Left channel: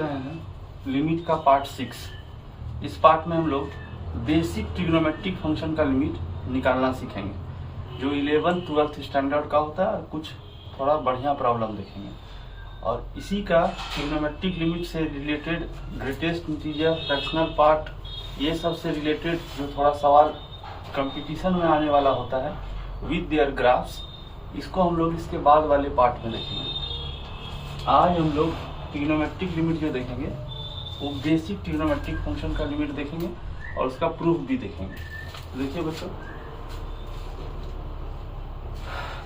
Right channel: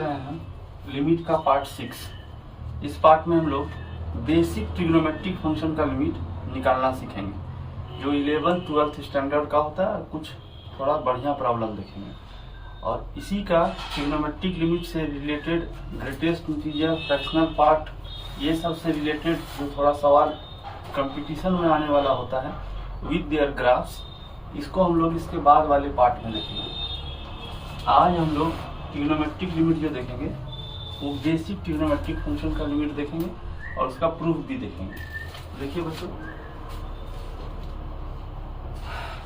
रहे हैं लिमिट का पार्ट 6। इस पार्ट में हम लोग बेसिक ट्रिग्नोमेट्रिक फंक्शन का लिमिट निकालना सीखेंगे, जो 11th 12th स्टैंडर्ड का होता है। और कुछ थोड़ा बढ़िया प्रॉब्लम देखेंगे, और इसी का ट्रिग्नोमेट्रिक लिमिट से related greatest integer, fractional part, ये सब से रिलेटेड जो थोड़ा सवाल कंपटीशन में आने वाला होता है विद देयर ग्राफ्स, इसको हम लोग इसके बाद वाले पार्ट में देखेंगे। आज हम लोग ट्रिग्नोमेट्रिक लिमिट जो देखेंगे वो बेसिक ट्रिग्नोमेट्रिक फंक्शन का लिमिट देखेंगे और उसका प्रूफ भी देखेंगे। देखिए बच्चों,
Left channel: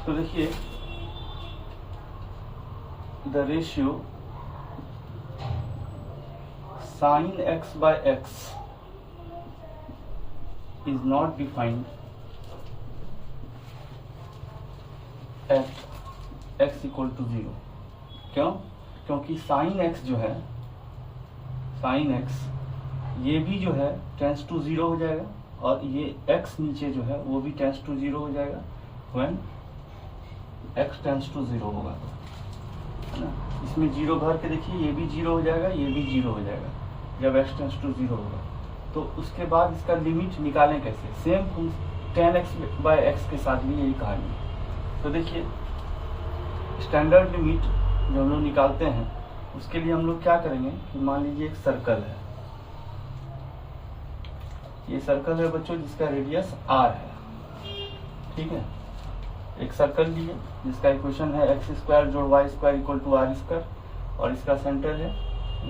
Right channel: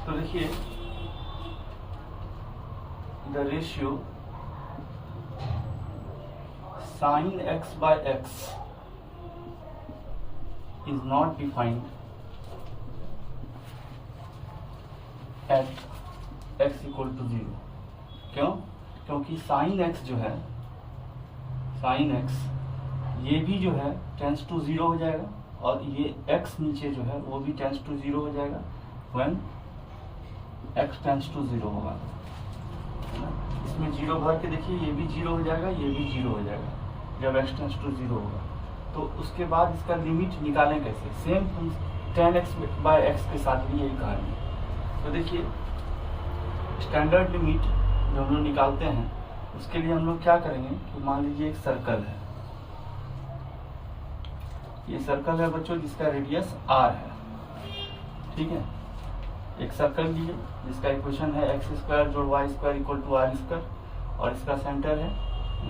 तो देखिए the ratio sin x by x is not defined at x equal to 0। क्यों? क्योंकि sin x जो है, sin x ये भी जो है टेंस टू 0 हो जाएगा, और ये x नीचे जो है वो भी टेंस टू 0 हो जाएगा when x टेंस टू 0 होगा, है ना। इसमें 0 भर के देखिए, ये भी 0 हो जाएगा, ये भी 0 हो जाएगा जब x टेंस टू 0 होगा। तो उसके बाद इसका लिमिट निकालें कैसे? Same tan x by x के साथ भी यही कहानी है। तो देखिए स्टैंडर्ड लिमिट जो हम लोग निकालते हैं, उसके लिए हम लोग क्या करेंगे कि मान लीजिए एक सर्कल है, ये सर्कल है बच्चों जिसका रेडियस r है, ठीक है। एक सर्कल लिए जिसका इक्वेशन है x² जोड़ y² इक्वल टू r², और इसका सेंटर है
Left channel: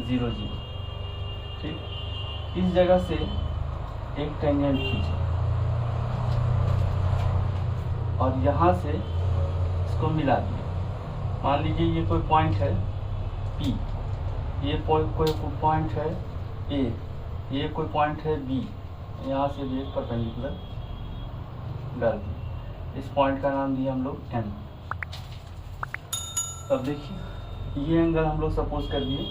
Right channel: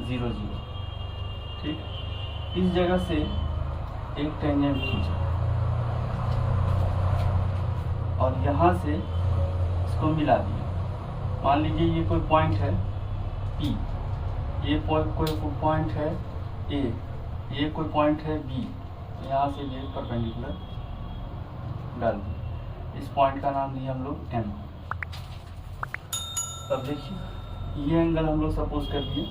0 0, ठीक। इस जगह से एक टेंजेंट खींचे और यहाँ से इसको मिला दिए। मान लीजिए ये कोई पॉइंट है P, ये कोई पॉइंट है A, ये कोई पॉइंट है B, यहाँ से भी एक परपेंडिकुलर डाल दिए। इस पॉइंट का नाम दिया हम लोग M। तब देखिए ये एंगल हम लोग सपोज कर दिए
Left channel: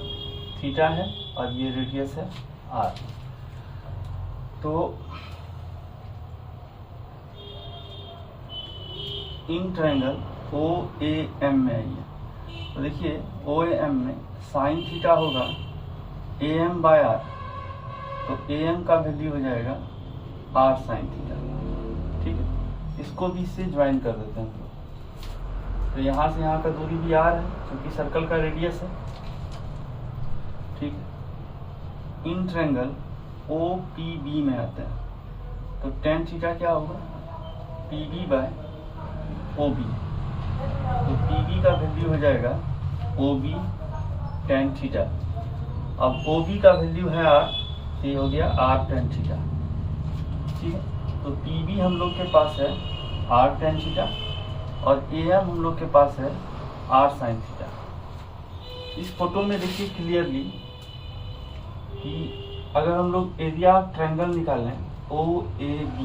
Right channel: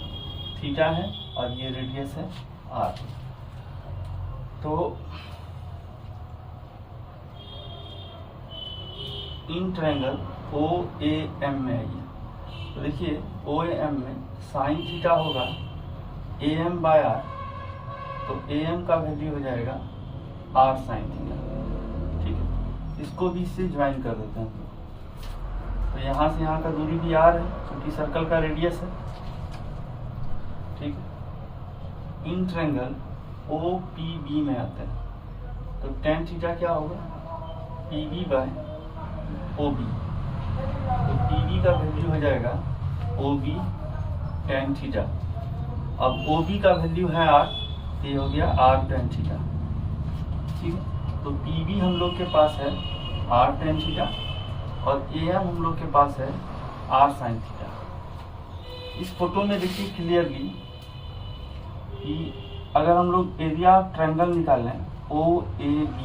थीटा है, और ये रेडियस है R। तो इन ट्रायंगल OAM में आइए, तो देखिए OAM में साइन थीटा होगा AM बाय R, तो AM का वैल्यू हो जाएगा R साइन थीटा, ठीक है। इसको भी इससे ज्वाइन कर देते हैं, तो यहाँ से यहाँ का दूरी भी R है क्योंकि सर्कल का रेडियस है, ठीक है। इन ट्रायंगल OPB में आता है, तो tan थीटा क्या होगा PB बाय OB, तो PB का वैल्यू हो जाएगा OB tan थीटा। अब OB का वैल्यू है R, ये हो गया R tan थीटा, ठीक है। तो PB हम लोग के पास है R tan थीटा, और AM हम लोग के पास है R sin थीटा। इस फोटो में देखिए क्लियरली कि अगर हम लोग एरिया ट्रायंगल निकालें OAB,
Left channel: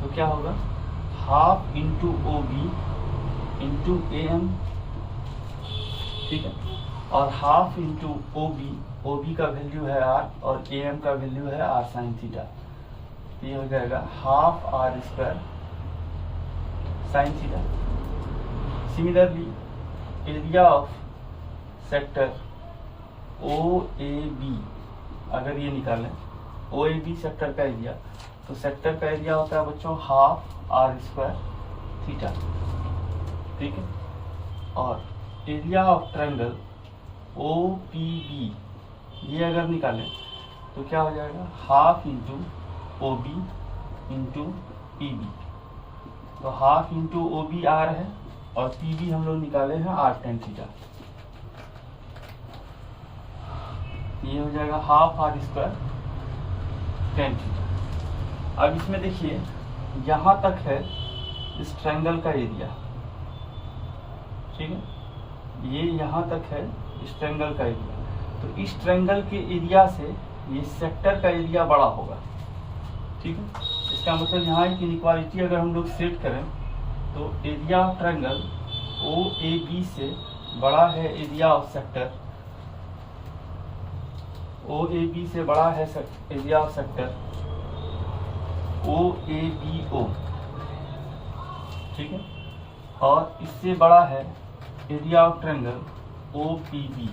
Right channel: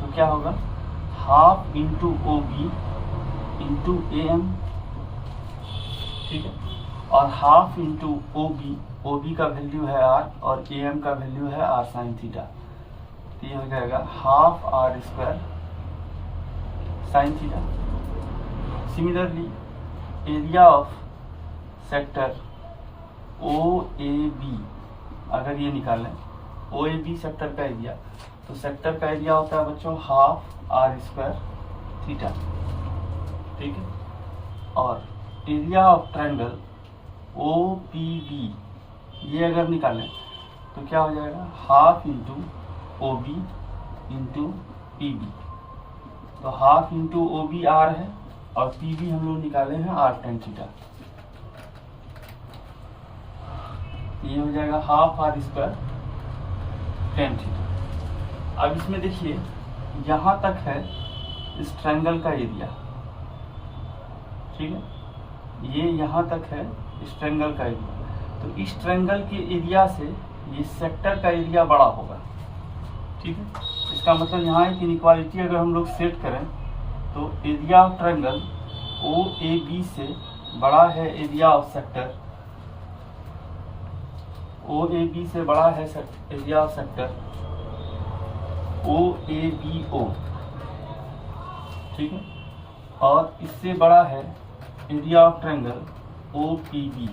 तो क्या होगा half into OB into AM, ठीक है, और हाफ इंटू OB का वैल्यू है R और AM का वैल्यू है R साइन थीटा, तो ये हो जाएगा half R² sine theta. Similarly area of sector OAB अगर ये निकालें, OAB सेक्टर का एरिया, तो सेक्टर का एरिया होता है बच्चों हाफ R² थीटा, ठीक है। और एरिया ऑफ ट्रायंगल OPB ये अगर निकालें तो क्या हो जाएगा half into OB into PB, तो हाफ इंटू OB R है, और PB हम लोग निकाले हैं R tan थीटा, ये हो जाएगा हाफ R² tan थीटा। अब इसमें देखिए यहाँ तक है इस ट्रायंगल का एरिया, ठीक है, ये यहाँ तक है इस ट्रायंगल का एरिया, तो इस ट्रायंगल के एरिया से ये सेक्टर का एरिया बड़ा होगा, ठीक है। इसका मतलब यहाँ एक इनइक्वालिटी अगर हम लोग सेट करें, तो एरिया ऑफ ट्रायंगल OAB से बड़ा है एरिया ऑफ सेक्टर, OAB से बड़ा है एरिया ऑफ सेक्टर OABO, ठीक है, और इससे बड़ा है एरिया ऑफ ट्रायंगल OPB,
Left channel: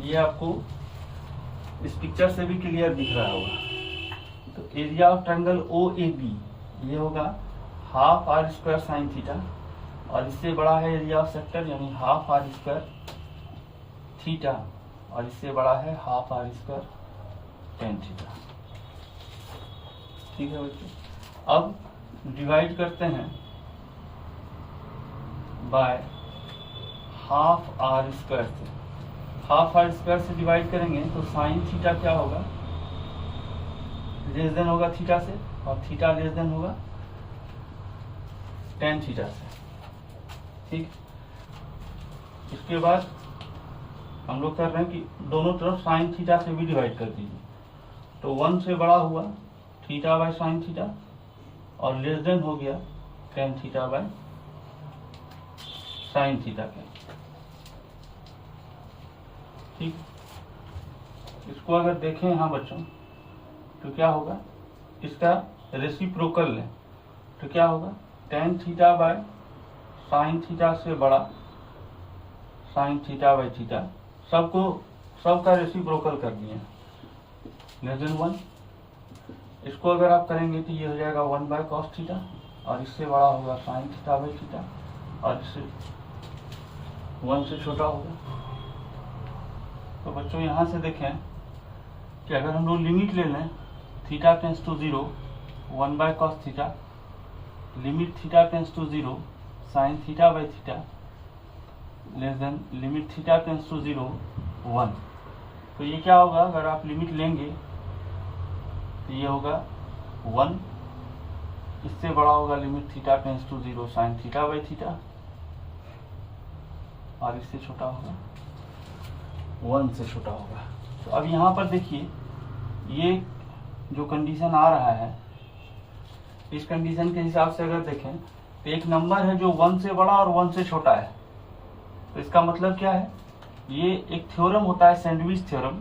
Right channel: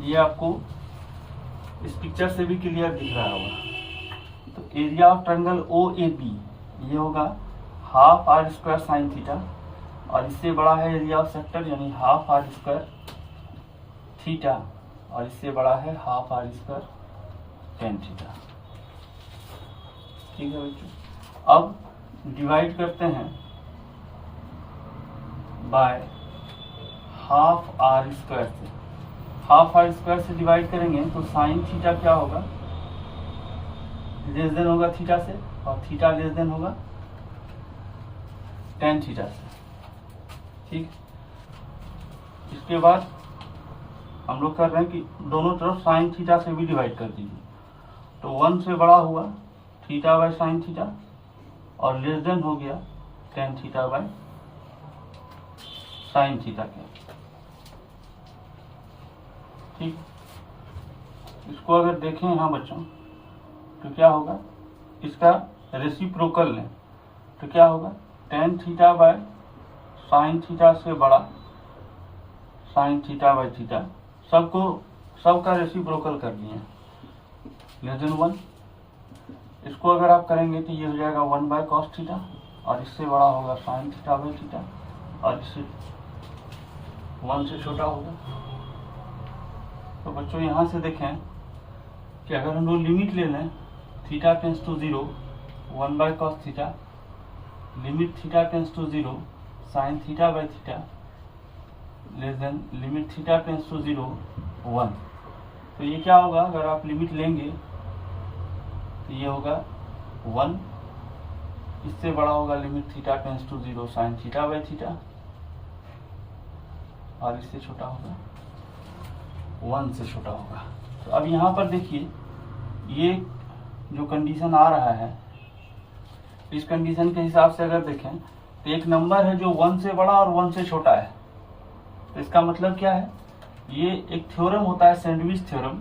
ये आपको इस पिक्चर से भी क्लियर दिख रहा होगा। तो area of triangle O A B ये होगा half R square sine theta, और इससे बड़ा है एरिया ऑफ सेक्टर यानी हाफ आर स्क्वायर थीटा, और इससे बड़ा है half R square tan theta. ठीक है बच्चों, अब डिवाइड करते हैं बाय हाफ आर स्क्वायर से। हाफ आर स्क्वायर से डिवाइड करेंगे तो साइन थीटा क्या होगा, लेस देन होगा थीटा से, और थीटा लेस देन होगा टेन थीटा से। ठीक, इसके बाद हम लोग कर रहे हैं कि दोनों तरफ साइन थीटा से भी डिवाइड कर दीजिए। तो 1 से बड़ा हुआ थीटा बाय साइन थीटा, और लेस देन हो गया ten theta by sine theta के। ठीक, इसको अगर देखें यहाँ बच्चों तो क्या होगा, इसका रेसिप्रोकल लें तो क्या होगा, ten theta by sine theta से बड़ा साइन थीटा बाय थीटा, सबका रेसिप्रोकल कर दिए लेस देन 1। इसको अगर आप करेंगे तो ये हो जाएगा 1 बाय कॉस थीटा, और इससे बड़ा होगा साइन थीटा बाय थीटा, और इससे 1 से छोटा होगा। तो बच्चों यहाँ से देखें कि अगर हम लोग लिमिट ले लें theta tends to 0 1 by cos theta, limit theta tends to 0 sign theta by theta, less than limit theta tends to 0 1। तो ये क्या होगा, अगर आप लिमिट लेंगे तो ये होगा 1, इससे बड़ा होगा limit theta tends to 0 sign theta by theta, और इससे छोटा होगा 1 से छोटा होगा। तो अब यहाँ पर देखिए ये जो कंडीशन आ रहा है, इस कंडीशन के हिसाब से अगर देखें तो एक नंबर है जो 1 से बड़ा और 1 से छोटा है। तो इसका मतलब क्या है, ये एक थ्योरम होता है सैंडविच थ्योरम,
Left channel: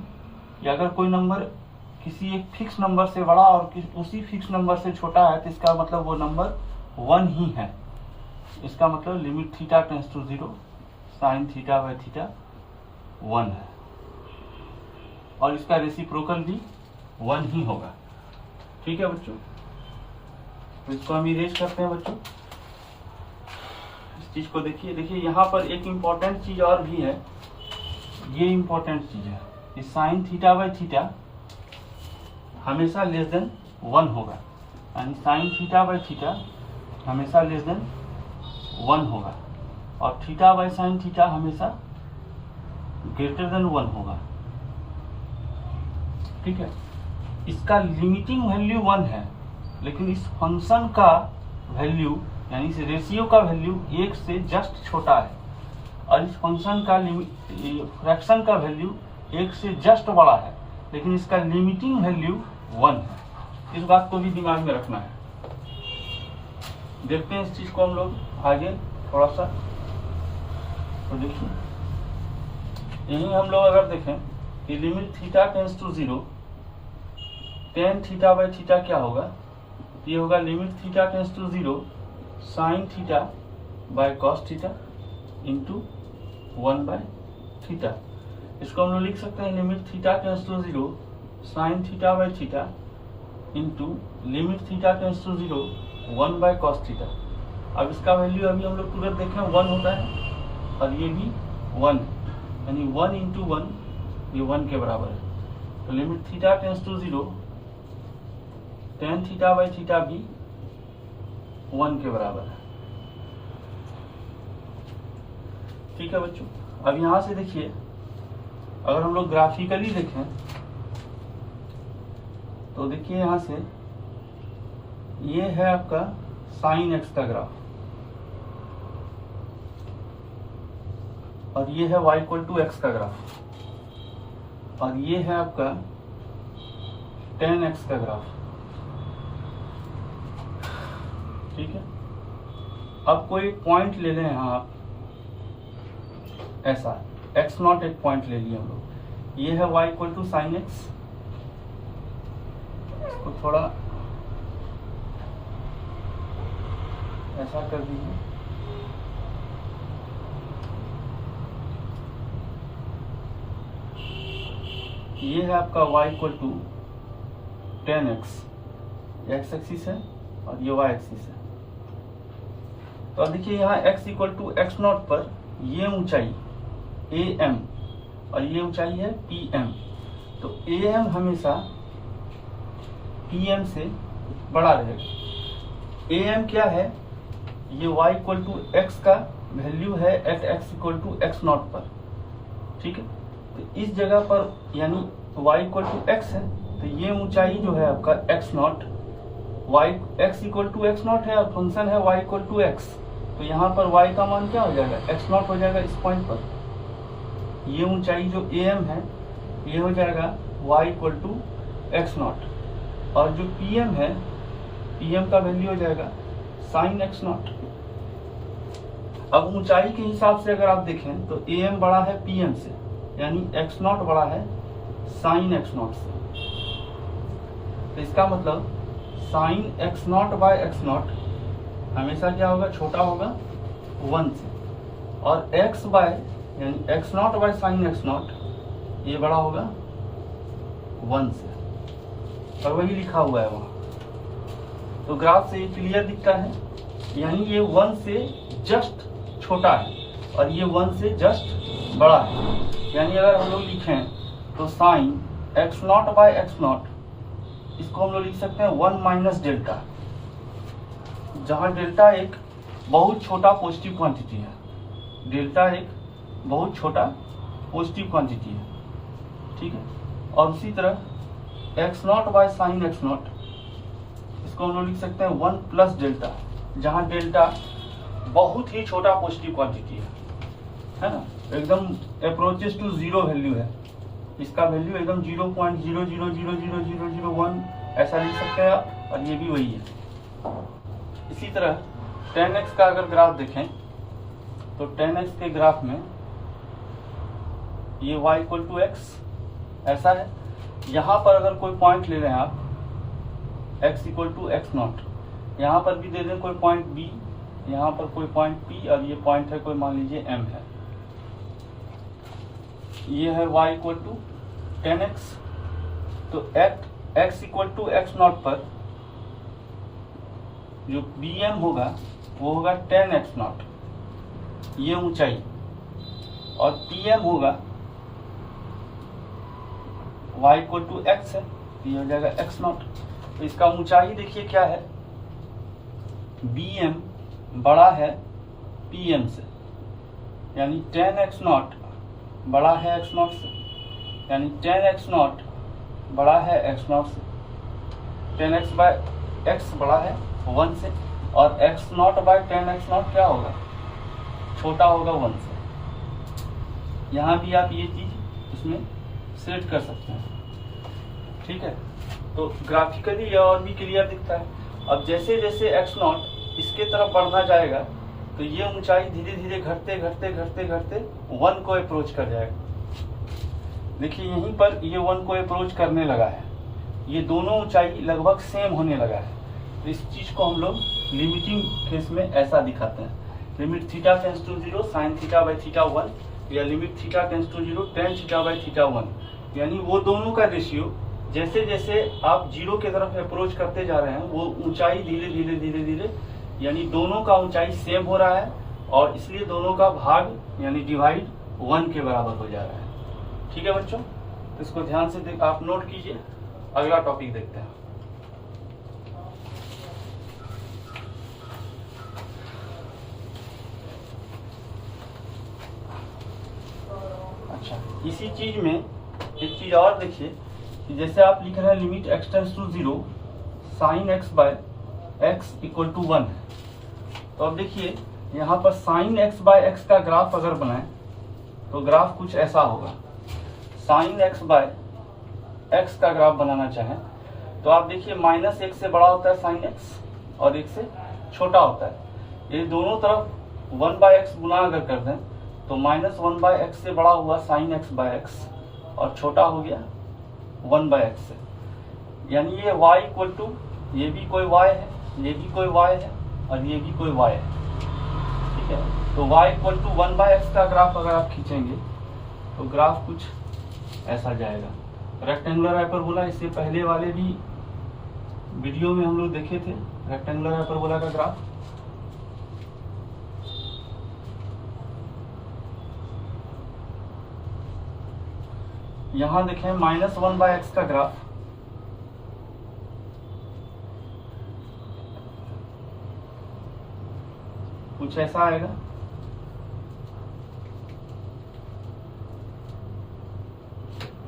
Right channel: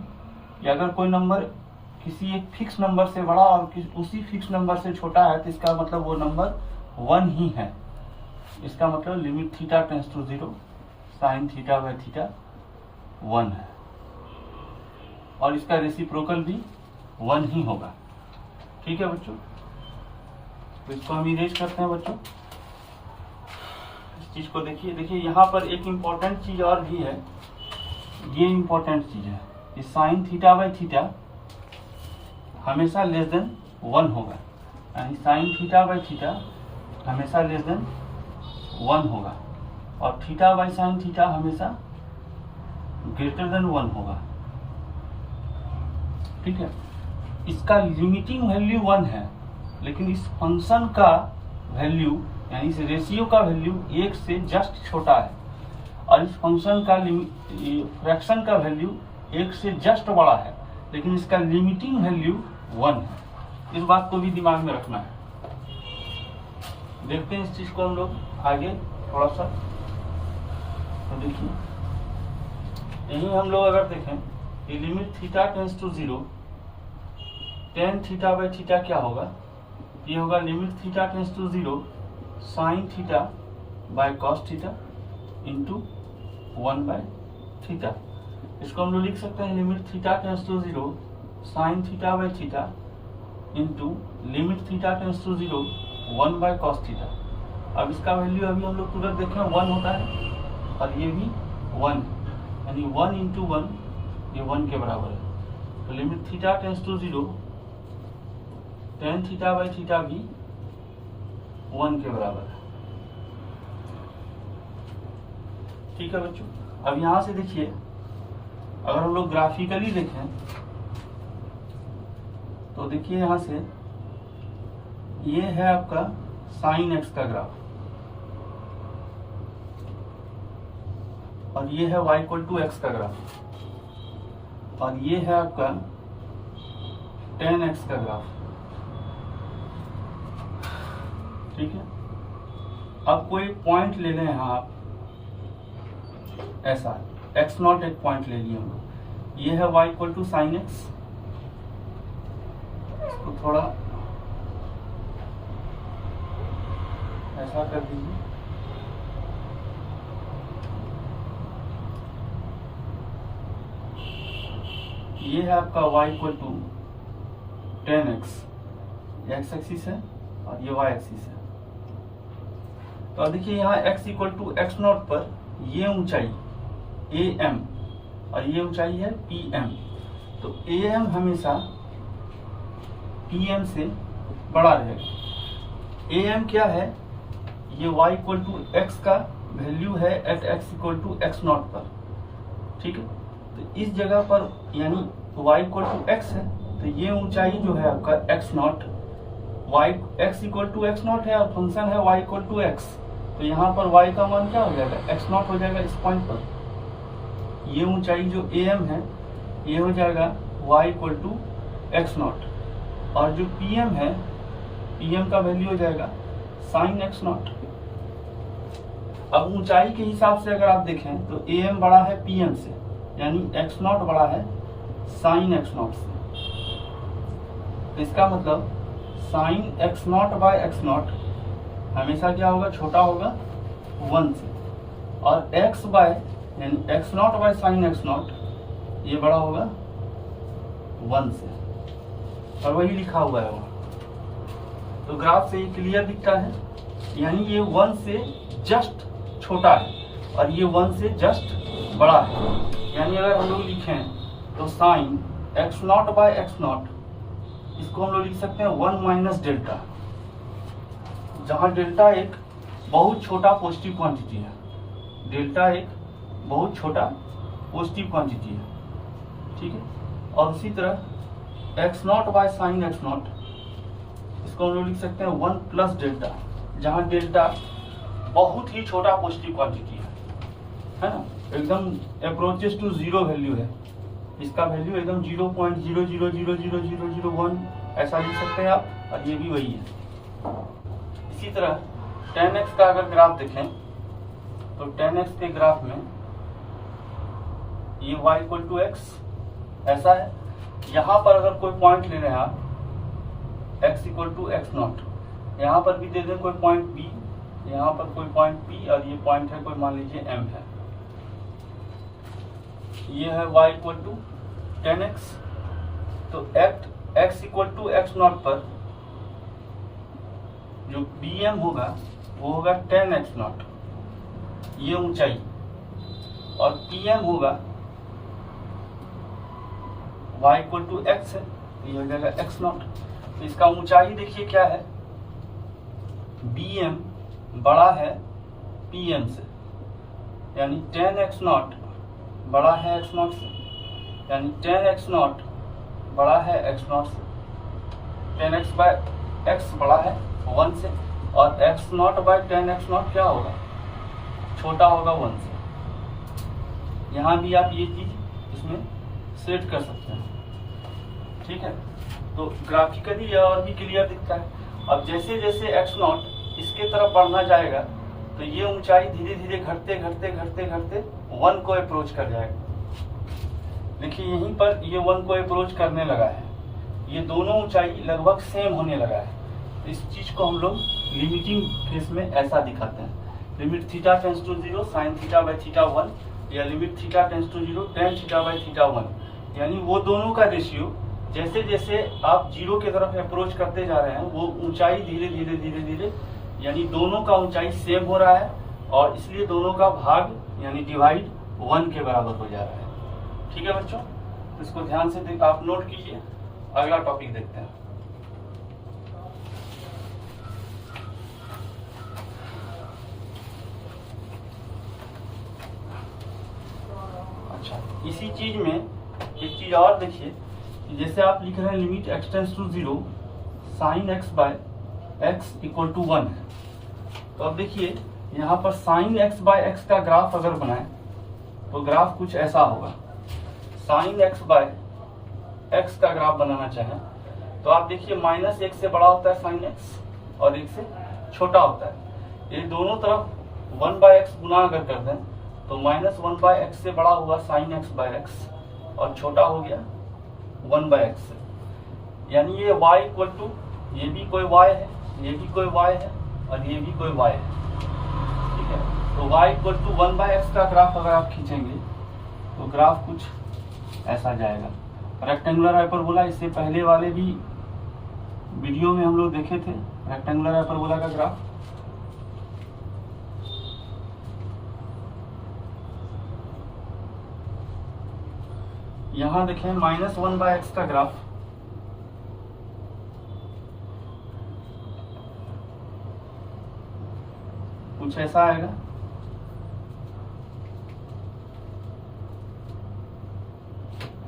कि अगर कोई नंबर किसी एक फिक्स नंबर से बड़ा और उसी फिक्स नंबर से छोटा है तो इसका मतलब वो नंबर 1 ही है। इसका मतलब limit theta tends to 0 sign theta by theta 1 है, और इसका रेसिप्रोकल भी 1 ही होगा। ठीक है बच्चों, तो इसको हम इरेज करते हैं बच्चों। इस चीज को देखिए यहाँ पर एक इम्पोर्टेंट चीज और भी है, ये इम्पोर्टेंट चीज है कि साइन थीटा बाय थीटा हमेशा लेस देन 1 होगा, यानी साइन थीटा बाय थीटा हमेशा लेस देन 1 होगा, और थीटा बाय साइन थीटा हमेशा ग्रेटर देन 1 होगा। ठीक है, इसका लिमिटिंग वैल्यू 1 है, लेकिन इस फंक्शन का वैल्यू यानी इस रेशियो का वैल्यू 1 से जस्ट छोटा है, और इस फंक्शन का फ्रैक्शन का वैल्यू 1 से जस्ट बड़ा है, लेकिन इसका लिमिटिंग वैल्यू 1 है। इस बात को भी दिमाग में रखना है। देखते हैं इस चीज को हम लोग आगे थोड़ा सा। तो देखिए यही हम लोग अगर देखें कि limit theta tends to 0 tan theta by theta क्या होगा, ये होगा limit theta tends to 0 sign theta by cos theta into 1 by theta. इसको हम लोग लिख सकते हैं limit theta tends to 0 sign theta by theta into limit theta tends to 0 1 by cos theta. अब इसका वैल्यू अभी हम लोग तुरंत देखें 1 होता है, और ये भी 1, यानी 1 इंटू 1 ये 1 के बराबर है। तो limit theta tends to 0 tan theta by theta भी 1 के बराबर है। ठीक है बच्चों, अब यहां से देखिए अगर हम लोग ग्राफिकली देखें तो देखिए यहां से ये है आपका साइन एक्स का ग्राफ, और ये है y इक्वल टू एक्स का ग्राफ, और ये है आपका tan x का ग्राफ। ठीक है, अब कोई पॉइंट ले लें यहाँ आप, ऐसा x0 एक पॉइंट ले लिए हम लोग, ये है y equal to sine X. इसको थोड़ा ऐसा कर दीजिए, ये है आपका y equal to 10x, X axis है और ये y एक्सिस है। तो अब देखिए यहाँ x equal to X not पर ये ऊंचाई am और ये ऊंचाई है pm। तो am हमेशा pm से बड़ा रहेगा। am क्या है, ये y इक्वल टू एक्स का वैल्यू है at x equal to X not पर, ठीक है। तो इस जगह पर यानी y इक्वल टू एक्स है, तो ये ऊंचाई जो है आपका x not, y x equal to X not है और फंक्शन है y इक्वल टू एक्स। तो यहाँ पर y का मान क्या हो जाएगा, x नॉट हो जाएगा इस पॉइंट पर। ये ऊंचाई जो am है ये हो जाएगा y equal to X not, और जो pm है, pm का वैल्यू हो जाएगा साइन एक्स नॉट। अब ऊंचाई के हिसाब से अगर आप देखें तो am बड़ा है pm से, यानी x नॉट बड़ा है साइन एक्स नॉट से। तो इसका मतलब sine X not by X not हमेशा क्या होगा, छोटा होगा 1 से, और x बाय यानी X not by sine X not ये बड़ा होगा 1 से, और वही लिखा हुआ है वहाँ। तो ग्राफ से ये क्लियर दिखता है, यानी ये 1 से जस्ट छोटा है और ये 1 से जस्ट बड़ा है। यानी अगर हम लोग लिखें तो sine X not by X not, इसको हम लोग लिख सकते हैं 1 माइनस डेल्टा, जहां डेल्टा एक बहुत छोटा पॉजिटिव क्वांटिटी है। डेल्टा एक बहुत छोटा पॉजिटिव क्वांटिटी है, ठीक है। और उसी तरह x not by sine X not, इसको हम लोग लिख सकते हैं 1 प्लस डेल्टा, जहां डेल्टा बहुत ही छोटा पॉजिटिव क्वांटिटी है ना, एकदम अप्रोचेस टू जीरो वैल्यू है। इसका वैल्यू एकदम 0.00000001 ऐसा लिख सकते हैं आप, और ये भी वही है। इसी तरह 10x का अगर ग्राफ देखें तो 10x के ग्राफ में ये y इक्वल टू एक्स ऐसा है। यहाँ पर अगर कोई पॉइंट ले रहे हैं आप x equal to X not, यहाँ पर भी दे दें कोई पॉइंट b, यहाँ पर कोई पॉइंट p, और ये पॉइंट है कोई मान लीजिए m है। ये है y इक्वल टू 10x। तो at x equal to X not पर जो bm होगा वो होगा 10x नॉट, ये ऊंचाई, और pm होगा y इक्वल टू एक्स है, ये हो जाएगा x नॉट। तो इसका ऊंचाई देखिए क्या है, bm बड़ा है pm से, यानी 10x नॉट बड़ा है x नॉट से, यानी 10x नॉट बड़ा है x नॉट से। 10x बाय x बड़ा है 1 से, और x not bye 10x not क्या होगा, छोटा होगा 1 से। यहाँ भी आप ये चीज इसमें सेट कर सकते हैं, ठीक है। तो ग्राफिकली यह और भी क्लियर दिखता है। अब जैसे जैसे x नॉट इसके तरफ बढ़ना जाएगा तो ये ऊंचाई धीरे धीरे घटते घटते घटते घटते 1 को अप्रोच कर जाएगा। देखिए यहीं पर ये 1 को अप्रोच करने लगा है, ये दोनों ऊंचाई लगभग सेम होने लगा है। तो इस चीज को हम लोग लिमिटिंग केस में ऐसा दिखाते हैं, limit theta tends to 0 sign theta by theta 1, या limit theta tends to 0 tan theta by theta 1। यानी वो दोनों का रेशियो जैसे जैसे आप 0 की तरफ अप्रोच करते जा रहे हैं, वो ऊंचाई धीरे धीरे धीरे धीरे यानी दोनों का ऊंचाई सेम हो रहा है, और इसलिए दोनों का भाग यानी डिवाइड 1 के बराबर हो जा रहा है। ठीक है बच्चों, तो इसको ध्यान से आप नोट कीजिए। अगला टॉपिक देखते हैं। अच्छा, इसी चीज में एक चीज और देखिए, जैसे आप लिख रहे हैं limit x tends to 0 sine x by x equal to 1 है। तो अब देखिए यहाँ पर साइन x बाय x का ग्राफ अगर बनाए तो ग्राफ कुछ ऐसा होगा। साइन x बाय x का ग्राफ बनाना चाहे तो आप देखिए माइनस 1 से बड़ा होता है साइन x और 1 से छोटा होता है। ये दोनों तरफ 1 बाय एक्स गुना अगर कर दें तो माइनस 1 बाय एक्स से बड़ा हुआ साइन x बाय x और छोटा हो गया 1 बाय एक्स से। यानी ये y इक्वल टू, ये भी कोई y है, ये भी कोई y है और ये भी कोई y है। ठीक है, तो y equal to 1 by x का ग्राफ अगर आप खींचेंगे तो ग्राफ कुछ ऐसा जाएगा। रेक्टेंगुलर हाइपरबोला इससे पहले वाले भी वीडियो में हम लोग देखे थे रेक्टेंगुलर हाइपरबोला का ग्राफ। यहां देखें -1/x का ग्राफ कुछ ऐसा आएगा।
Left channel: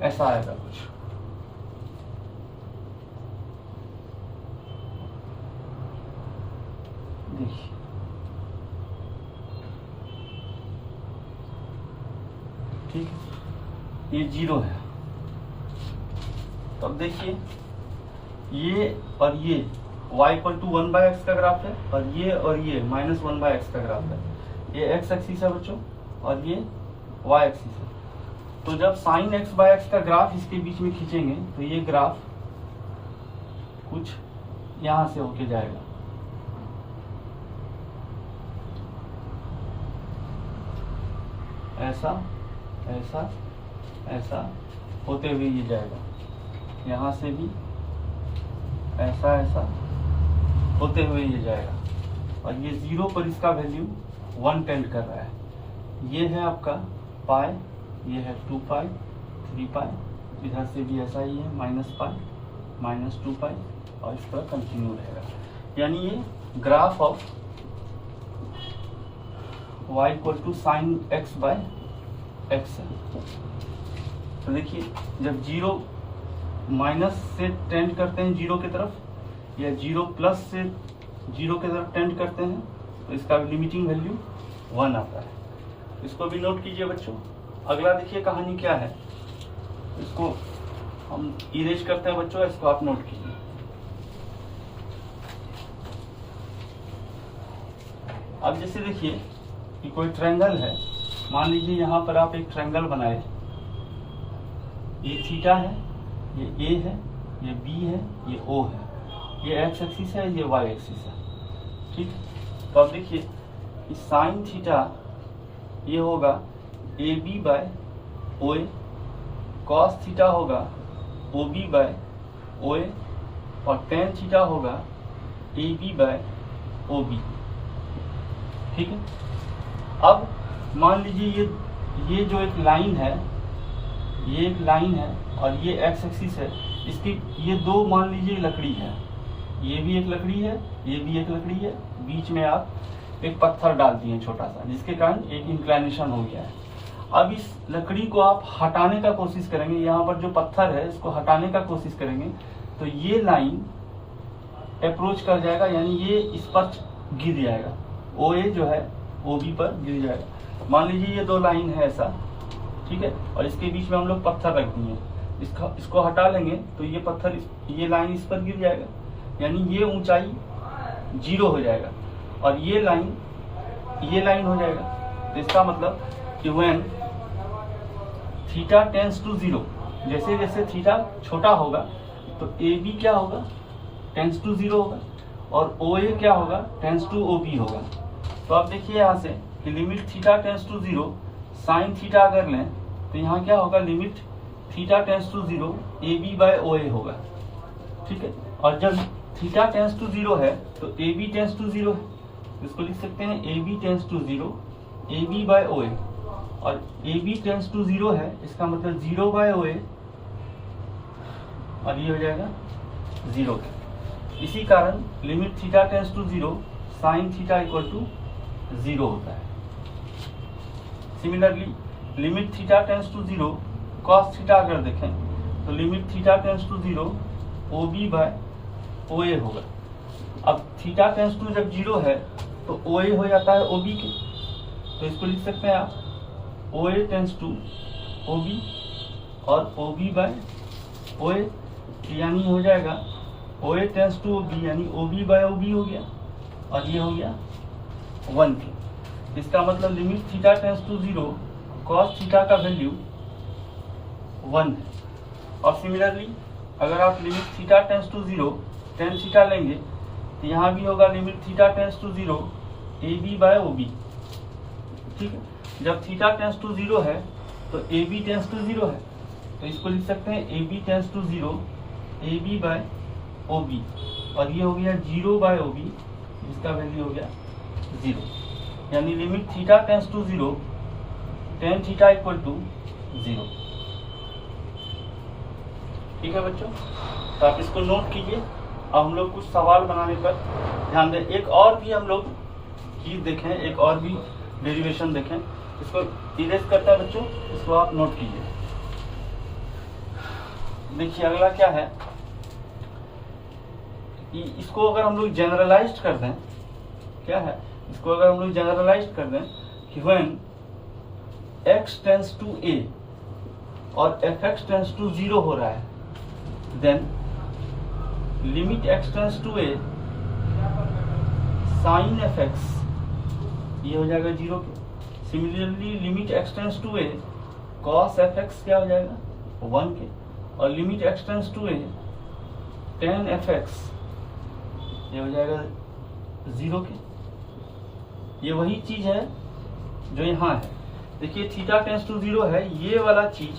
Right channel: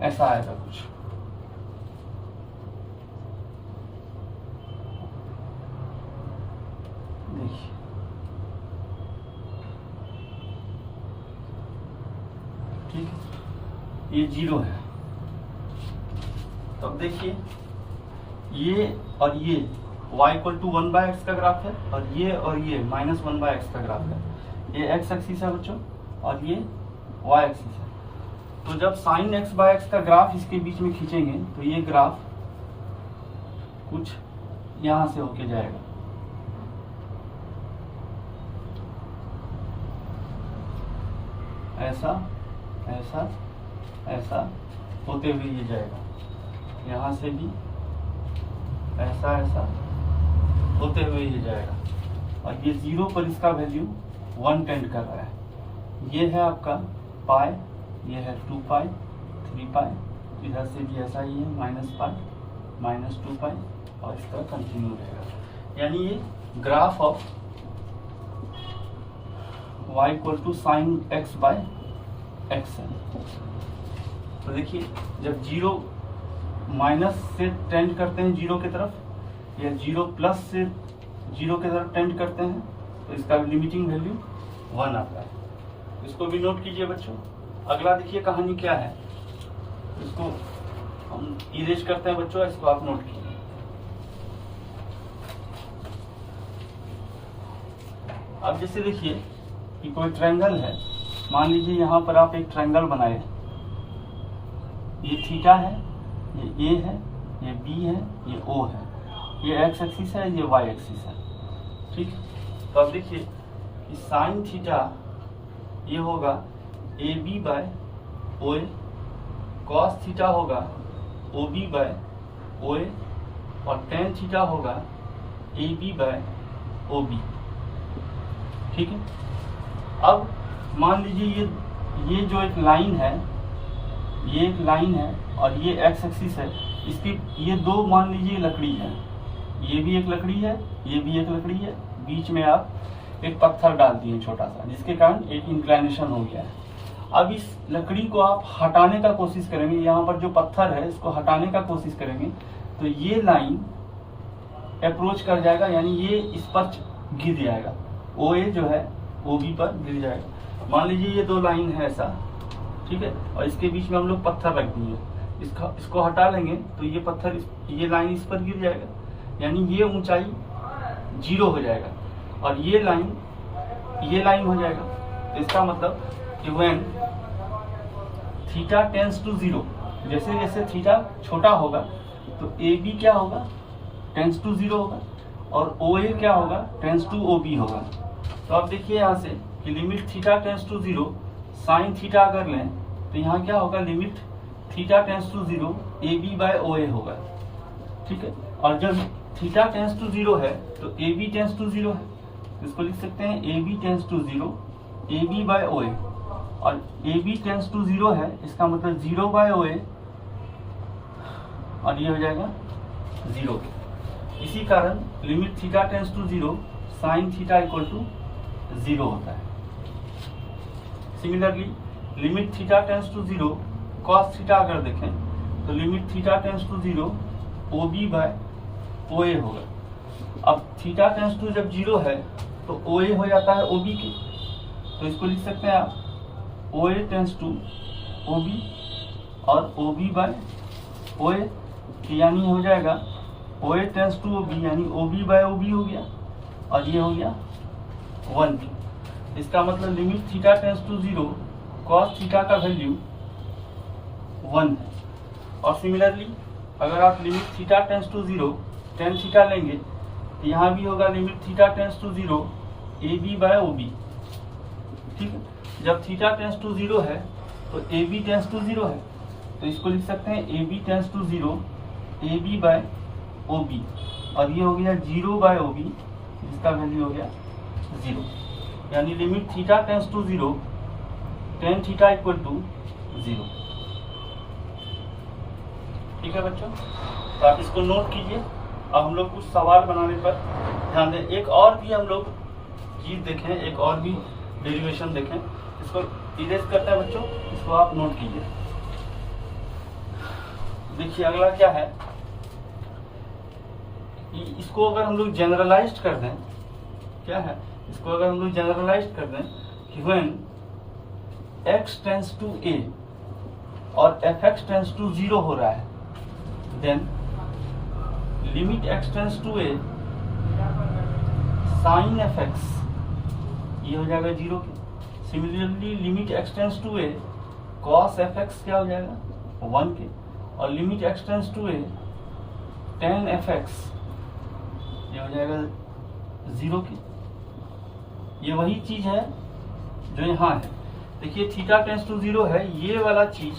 ऐसा आएगा कुछ। देखिए ठीक है, ये 0 है। तब देखिए ये और ये y = 1/x का ग्राफ है और ये -1/x का ग्राफ है। ये x एक्सिस है बच्चों और ये y एक्सिस है। तो जब sin x/x का ग्राफ इसके बीच में खींचेंगे तो ये ग्राफ कुछ यहां से होके जाएगा। ऐसा ऐसा ऐसा होते हुए ये जाएगा। यहां से भी ऐसा ऐसा होते हुए ये जाएगा और ये 0 पर इसका वैल्यू 1 टेंड कर रहा है। ये है आपका पाई, ये है 2 पाई, 3 पाई, इधर से भी ऐसा ही है -पाई, -2 पाई और इस तरह कंटिन्यू रहेगा। यानी ये graph of y = sin x/x है। तो देखिए जब 0 माइनस से टेंड करते हैं 0 की तरफ या 0 प्लस से 0 की तरफ टेंड करते हैं तो इसका लिमिटिंग वैल्यू 1 आता है। इसको भी नोट कीजिए बच्चों। अगला देखिए कहानी क्या है, इसको हम इरेज करते हैं बच्चों, इसको आप नोट कीजिए। अब जैसे देखिए कि कोई ट्रायंगल है, मान लीजिए यहां पर आप एक ट्रायंगल बनाए, ये थीटा है, ये ए है, ये बी है, ये ओ है, ये एक्स एक्सिस है, ये वाई एक्सिस है। ठीक, तो अब देखिए कि साइन थीटा ये होगा A B by O A, cos theta होगा O B by O A और टेन थीटा होगा A B by O B. ठीक है, अब मान लीजिए ये जो एक लाइन है, ये एक लाइन है और ये एक्स एक्सिस है, इसकी ये दो मान लीजिए लकड़ी है, ये भी एक लकड़ी है, ये भी एक लकड़ी है, बीच में आप एक पत्थर डाल दिए छोटा सा, जिसके कारण एक इंक्लाइनेशन हो गया है। अब इस लकड़ी को आप हटाने का कोशिश करेंगे, यहाँ पर जो पत्थर है इसको हटाने का कोशिश करेंगे तो ये लाइन अप्रोच कर जाएगा, यानी ये इस पर गिर जाएगा, ओ ए जो है ओ बी पर गिर जाएगा। मान लीजिए ये दो लाइन है ऐसा, ठीक है, और इसके बीच में हम लोग पत्थर रख दिए, इसको हटा लेंगे तो ये पत्थर ये लाइन इस पर गिर जाएगा, यानी ये ऊंचाई 0 हो जाएगा और ये लाइन हो जाएगा। तो इसका मतलब कि व्हेन थीटा टेंस टू 0, जैसे जैसे थीटा छोटा होगा तो ए बी क्या होगा, टेंस टू 0 होगा और ओ ए क्या होगा, टेंस टू ओ बी होगा। तो आप देखिए यहाँ से कि limit theta tends to 0 sign theta अगर लें तो यहाँ क्या होगा, limit theta tends to 0 A B by O A होगा। ठीक है, और जब थीटा टेंस टू 0 है तो ए बी टेंस टू 0 है, इसको लिख सकते हैं A B tends to 0 A B by O A, और ए बी टेंस टू 0 है, इसका मतलब 0 बाय ओ ए और ये हो जाएगा 0। इसी कारण limit theta tends to 0 sign theta equal to 0 होता है। Similarly limit theta tends to 0 cos theta अगर देखें तो limit theta tends to 0 O B by O A होगा। अब थीटा टेंस टू जब 0 है तो ओ ए हो जाता है ओ बी के, तो इसको लिख सकते हैं आप O A tends to O B और O B by O A, यानी हो जाएगा O A tends to O B, यानी O B by O B हो गया और ये हो गया 1 के। इसका मतलब limit theta tends to 0 cos theta का वैल्यू 1 है। और सिमिलरली अगर आप limit theta tends to 0 tan theta लेंगे तो यहाँ भी होगा limit theta tends to 0 A B by O B. ठीक है, जब थीटा टेंस टू 0 है तो ए बी टेंस टू 0 है, तो इसको लिख सकते हैं A B tends to 0 A B by O B, और ये हो गया 0 बाय ओ बी, जिसका वैल्यू हो गया 0, यानी limit theta tends to 0 tan theta equal to 0। ठीक है बच्चों, तो आप इसको नोट कीजिए। अब हम लोग कुछ सवाल बनाने पर ध्यान दें। एक और भी हम लोग चीज देखें, एक और भी डेरिवेशन देखें। इसको इरेज करता है बच्चों, इसको आप नोट कीजिए। देखिए अगला क्या है कि इसको अगर हम लोग जनरलाइज्ड कर दें, क्या है, इसको अगर हम लोग जनरलाइज्ड कर दें कि when x tends to a और fx टेंस टू 0 हो रहा है, then limit x tends to a sine fx ये हो जाएगा 0 के। Similarly limit x tends to a cos fx क्या हो जाएगा 1 के, और limit x tends to a tan fx ये हो जाएगा 0 के। ये वही चीज है जो यहाँ है। देखिए थीटा टेंस टू 0 है, ये वाला चीज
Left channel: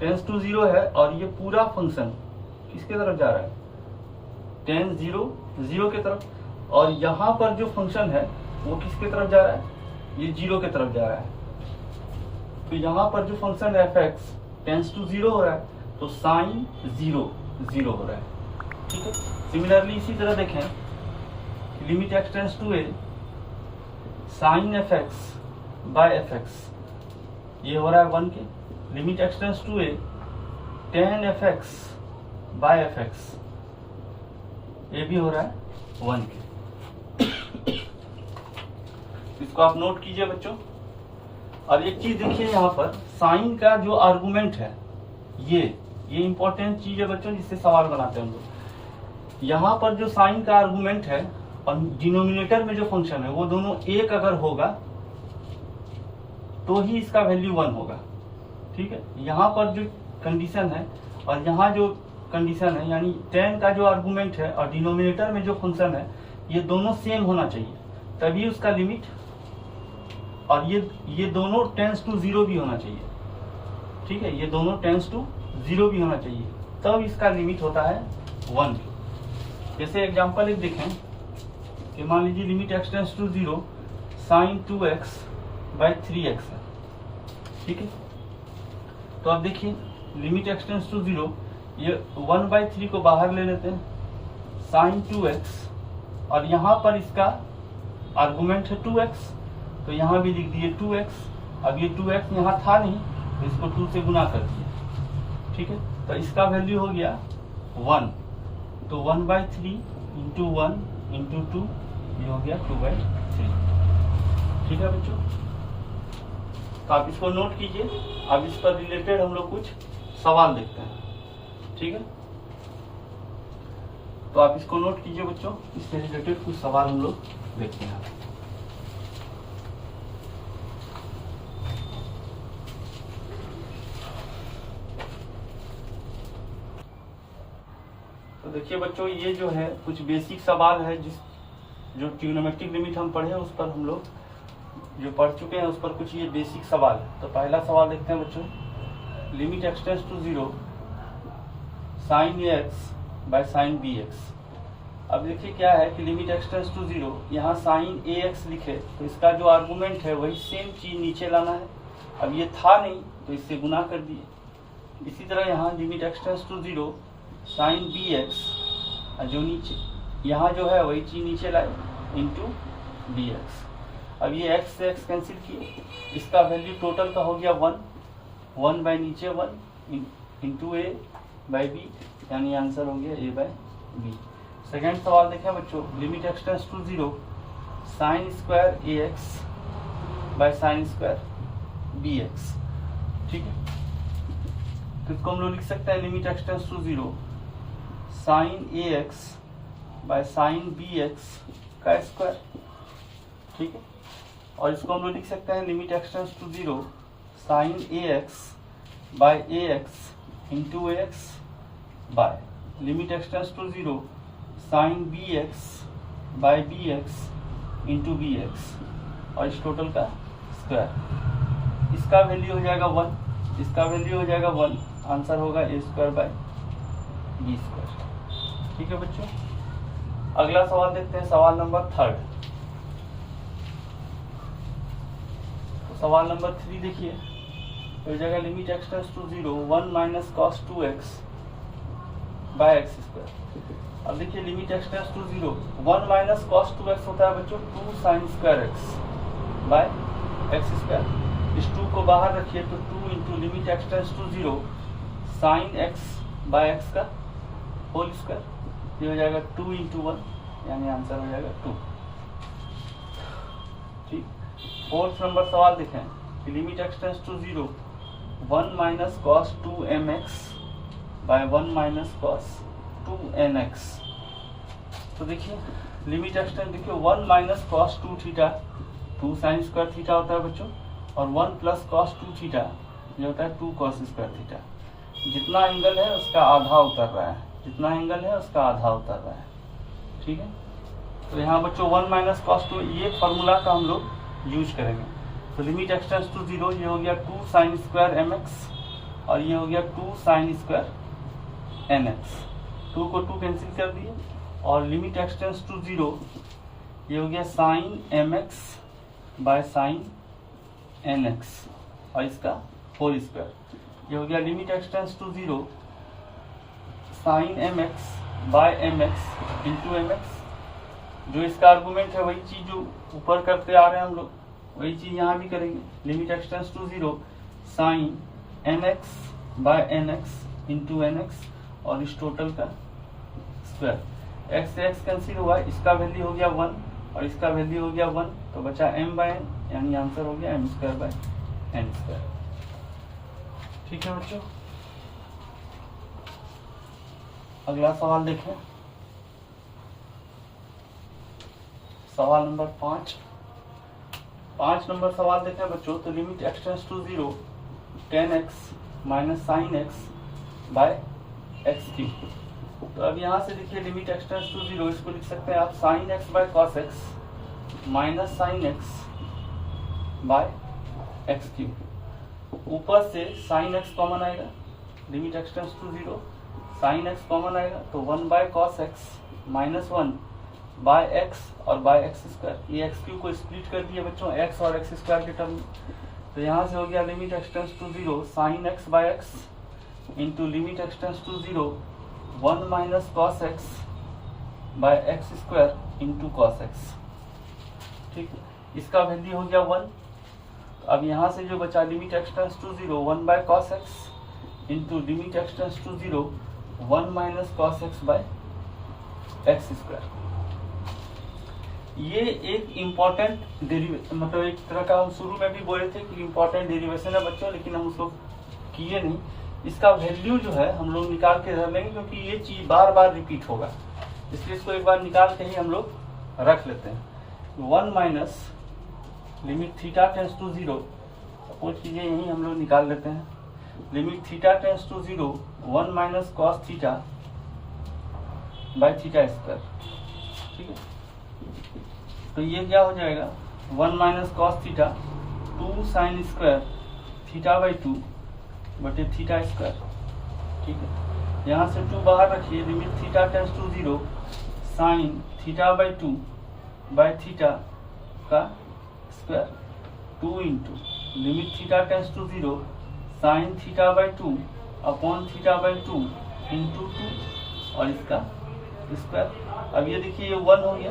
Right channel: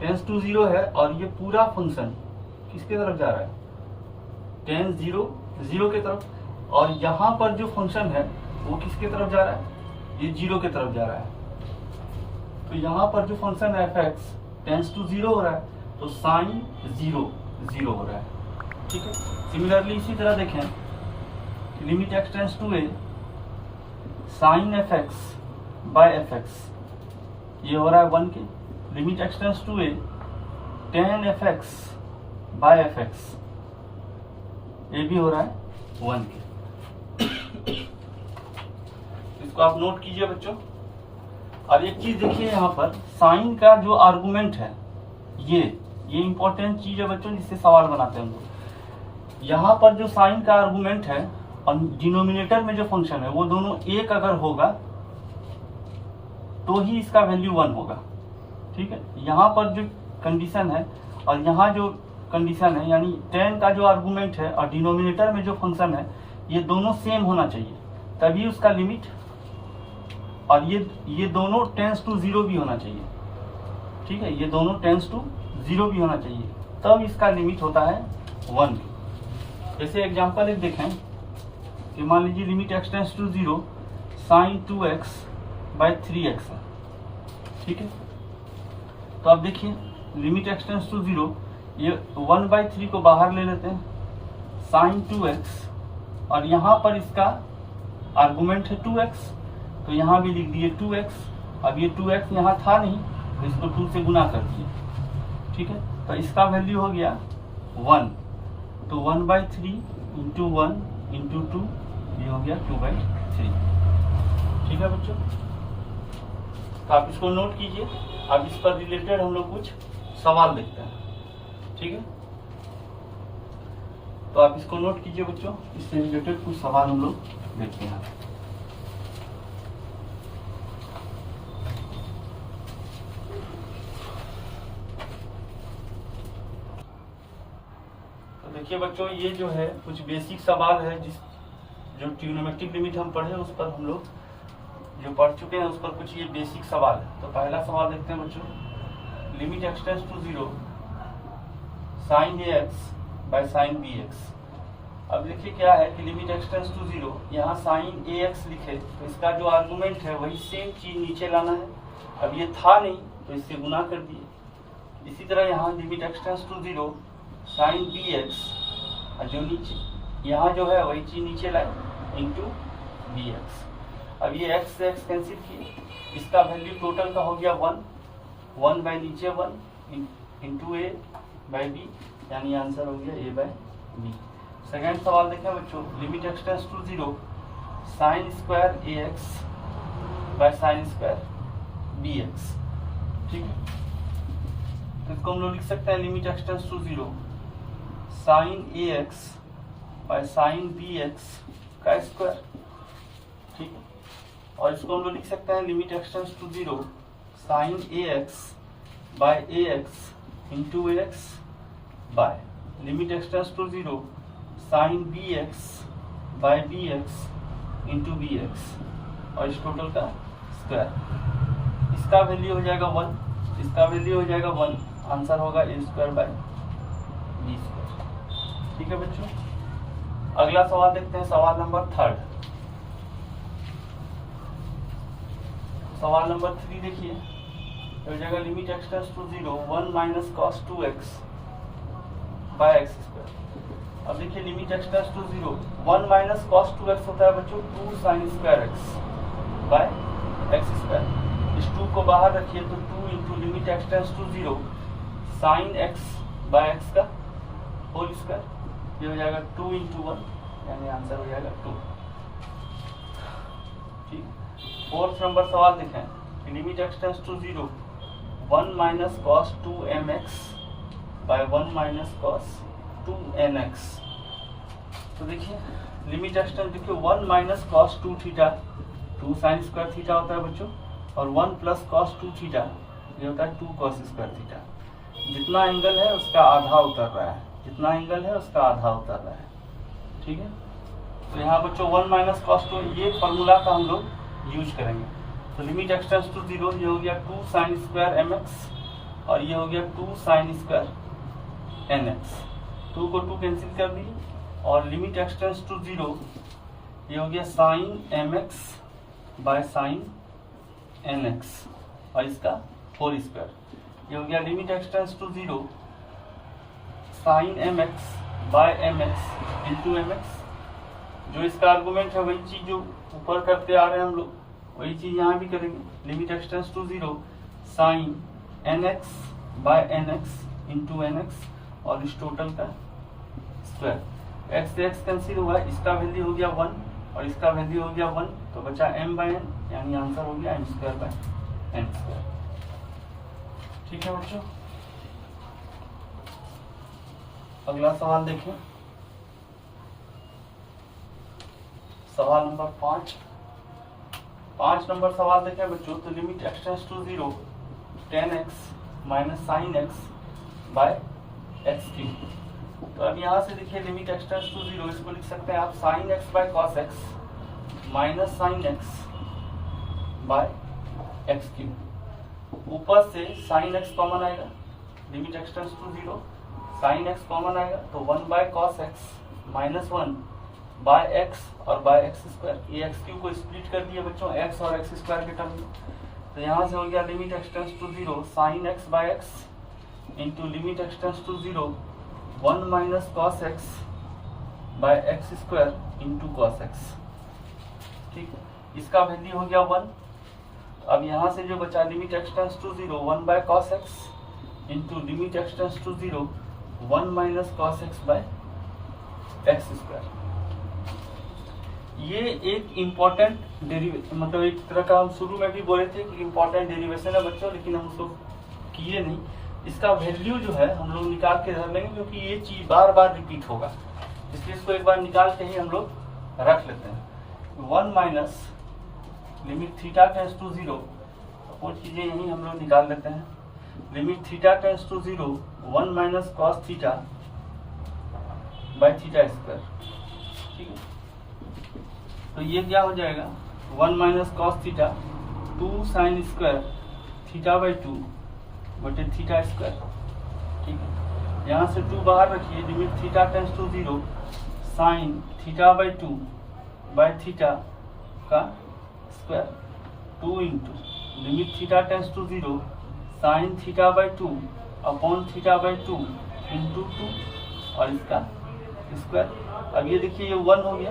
टेंस टू 0 है, और ये पूरा फंक्शन किसके तरफ जा रहा है, टेन 0 के तरफ, और यहाँ पर जो फंक्शन है वो किसके तरफ जा रहा है, ये 0 के तरफ जा रहा है। तो यहाँ पर जो फंक्शन है fx टेंस टू 0 हो रहा है, तो साइन 0 हो रहा है। ठीक है, सिमिलरली इसी तरह देखें limit x tends to a sine fx by fx ये हो रहा है 1 के, limit x tends to a tan fx by fx ये भी हो रहा है 1 के। इसको आप नोट कीजिए बच्चों। और एक चीज देखिए यहाँ पर साइन का जो आर्गुमेंट है, ये इंपॉर्टेंट चीज है बच्चों, जिससे सवाल बनाते हैं हम लोग। यहाँ पर जो साइन का आर्गुमेंट है और डिनोमिनेटर में जो फंक्शन है वो दोनों एक अगर होगा तो ही इसका वैल्यू 1 होगा। ठीक है, यहाँ पर जो कंडीशन है और यहाँ जो कंडीशन है, यानी tan का जो आर्गुमेंट है और डिनोमिनेटर में जो फंक्शन है, ये दोनों सेम होना चाहिए, तभी उसका लिमिट, और ये दोनों टेंस टू 0 भी होना चाहिए। ठीक है, ये दोनों टेंस टू 0 भी होना चाहिए, तब इसका लिमिट होता है 1। जैसे एग्जांपल एक देखें कि मान लीजिए limit x tends to 0 sine 2x by 3x है। ठीक है, तो अब देखिए लिमिट x टेंस टू 0, ये 1/3 को बाहर ले लेते हैं, साइन 2x, और यहाँ पर इसका आर्गुमेंट है 2x, तो यहाँ भी लिख दिए 2x। अब ये 2x यहाँ था नहीं, तो इसको 2 से गुना कर दिए। ठीक है, तो इसका वैल्यू हो गया 1, तो 1/3 इंटू 1 इंटू 2 ये हो गया 2/3। ठीक है बच्चों, तो आप इसको नोट कीजिए। अब इस पर रिलेटेड हम लोग कुछ सवाल देखते हैं। ठीक है, तो आप इसको नोट कीजिए बच्चों, इससे रिलेटेड कुछ सवाल हम लोग देखते हैं। तो देखिए बच्चों, ये जो है कुछ बेसिक सवाल है, जो ट्रिग्नोमेट्रिक लिमिट हम पढ़े उस पर हम लोग जो पढ़ चुके हैं, उस पर कुछ ये बेसिक सवाल है। तो पहला सवाल देखते हैं बच्चों, limit x tends to 0 sine ax by sine bx। अब देखिए क्या है कि लिमिट x टेंस टू 0, यहाँ साइन ax लिखे तो इसका जो आर्गुमेंट है वही सेम चीज नीचे लाना है। अब ये था नहीं तो इससे गुना कर दिए। इसी तरह यहाँ limit x tends to 0 sine bx, जो नीचे यहाँ जो है वही चीज नीचे लाए इंटू bx। अब ये x से x कैंसिल किए, इसका वैल्यू टोटल का हो गया 1 बाय नीचे 1 इंटू a बाय b, यानी आंसर हो गया a बाय b। सेकेंड सवाल देखें बच्चों, limit x tends to 0 sine square ax by sine square bx। ठीक है, तो इसको हम लोग लिख सकते हैं limit x tends to 0 sine ax by sine bx का स्क्वायर। ठीक है, और इसको हम लोग लिख सकते हैं limit x tends to 0 sine ax by ax into ax by limit x tends to 0 sine bx by bx into bx, और इस टोटल का स्क्वायर। इसका वैल्यू हो जाएगा 1, इसका वैल्यू हो जाएगा 1, आंसर होगा a²/b²। ठीक है बच्चों, अगला सवाल देखते हैं, सवाल नंबर 3। सवाल नंबर 3 देखिए, तो हो जाएगा limit x tends to 0 1 minus cos 2x by x²। अब देखिए limit x tends to 0 1 minus cos 2x होता है बच्चों 2 sin² x बाय x²। इस 2 को बाहर रखिए तो 2 into limit x tends to 0 sin x by x का होल स्क्वायर। ये हो जाएगा 2 इंटू 1, यानी आंसर हो जाएगा 2। ठीक, 4th नंबर सवाल देखें, limit x tends to 0 1 minus cos 2mx by 1 minus cos 2nx। तो देखिए लिमिट x टेंड्स, देखिए 1 minus cos 2 theta 2 sin² theta होता है बच्चों, और 1 प्लस cos 2 थीटा ये होता है 2 cos² थीटा। जितना एंगल है उसका आधा उतर रहा है, जितना एंगल है उसका आधा उतर रहा है। ठीक है, तो यहाँ बच्चों 1 माइनस cos 2, ये फॉर्मूला का हम लोग यूज करेंगे। तो लिमिट x टेंड्स टू 0, ये हो गया 2 sin² mx और ये हो गया 2 sin² nx। 2 को 2 कैंसिल कर दिए, और लिमिट x टेंड्स टू 0 ये हो गया sin mx by sin nx और इसका होल स्क्वायर। ये हो गया limit x tends to 0 sin mx by mx into mx। जो इसका आर्गुमेंट है वही चीज जो ऊपर करते आ रहे हैं हम लोग, वही चीज यहाँ भी करेंगे। Limit x tends to 0 sin nx by nx into nx और इस टोटल का स्क्वायर। x से x कैंसिल हुआ, इसका वैल्यू हो गया 1 और इसका वैल्यू हो गया 1, तो बचा m/n, यानी आंसर हो गया m²/n²। ठीक है बच्चों, अगला सवाल देखें, सवाल नंबर 5 नंबर सवाल देखें बच्चों। तो limit x tends to 0 10x minus sine x by x3। तो अब यहाँ से देखिए लिमिट x टेंड्स टू 0, इसको लिख सकते हैं आप sine x by cos x minus sine x by x3। ऊपर से साइन x कॉमन आएगा, limit x tends to 0 sine x common आएगा, तो 1 by cos x minus 1 by x और बाय x²। ये x3 को स्प्लिट कर दिया बच्चों x और x² के टर्म में, तो यहाँ से हो गया limit x tends to 0 sine x by x into limit x tends to 0 1 minus cos x by x² into cos x। ठीक, इसका वैल्यू हो गया 1। अब यहाँ से जो बचा limit x tends to 0 1 by cos x into limit x tends to 0 1 minus cos x by x²। ये एक इम्पॉर्टेंट डेरिवेशन, मतलब एक तरह का हम शुरू में भी बोले थे कि इम्पॉर्टेंट डेरिवेशन है बच्चों, लेकिन हम उसको किए नहीं। इसका वैल्यू जो है हम लोग निकाल के रख लेंगे, क्योंकि ये चीज बार बार रिपीट होगा, इसलिए इसको एक बार निकाल के ही हम लोग रख लेते हैं। 1 minus limit theta tends to 0, suppose कीजिए यही हम लोग निकाल लेते हैं। Limit theta tends to 0 1 minus cos theta by थीटा²। ठीक है, तो ये क्या हो जाएगा 1 minus cos theta 2 sin² theta by 2 बटे थीटा²। ठीक है, यहाँ से 2 बाहर रखिए, limit theta tends to 0 sign theta by 2 by theta का square 2 into limit theta tends to 0 sign theta by 2 upon theta by 2 into 2 और इसका स्क्वायर। अब ये देखिए ये 1 हो गया,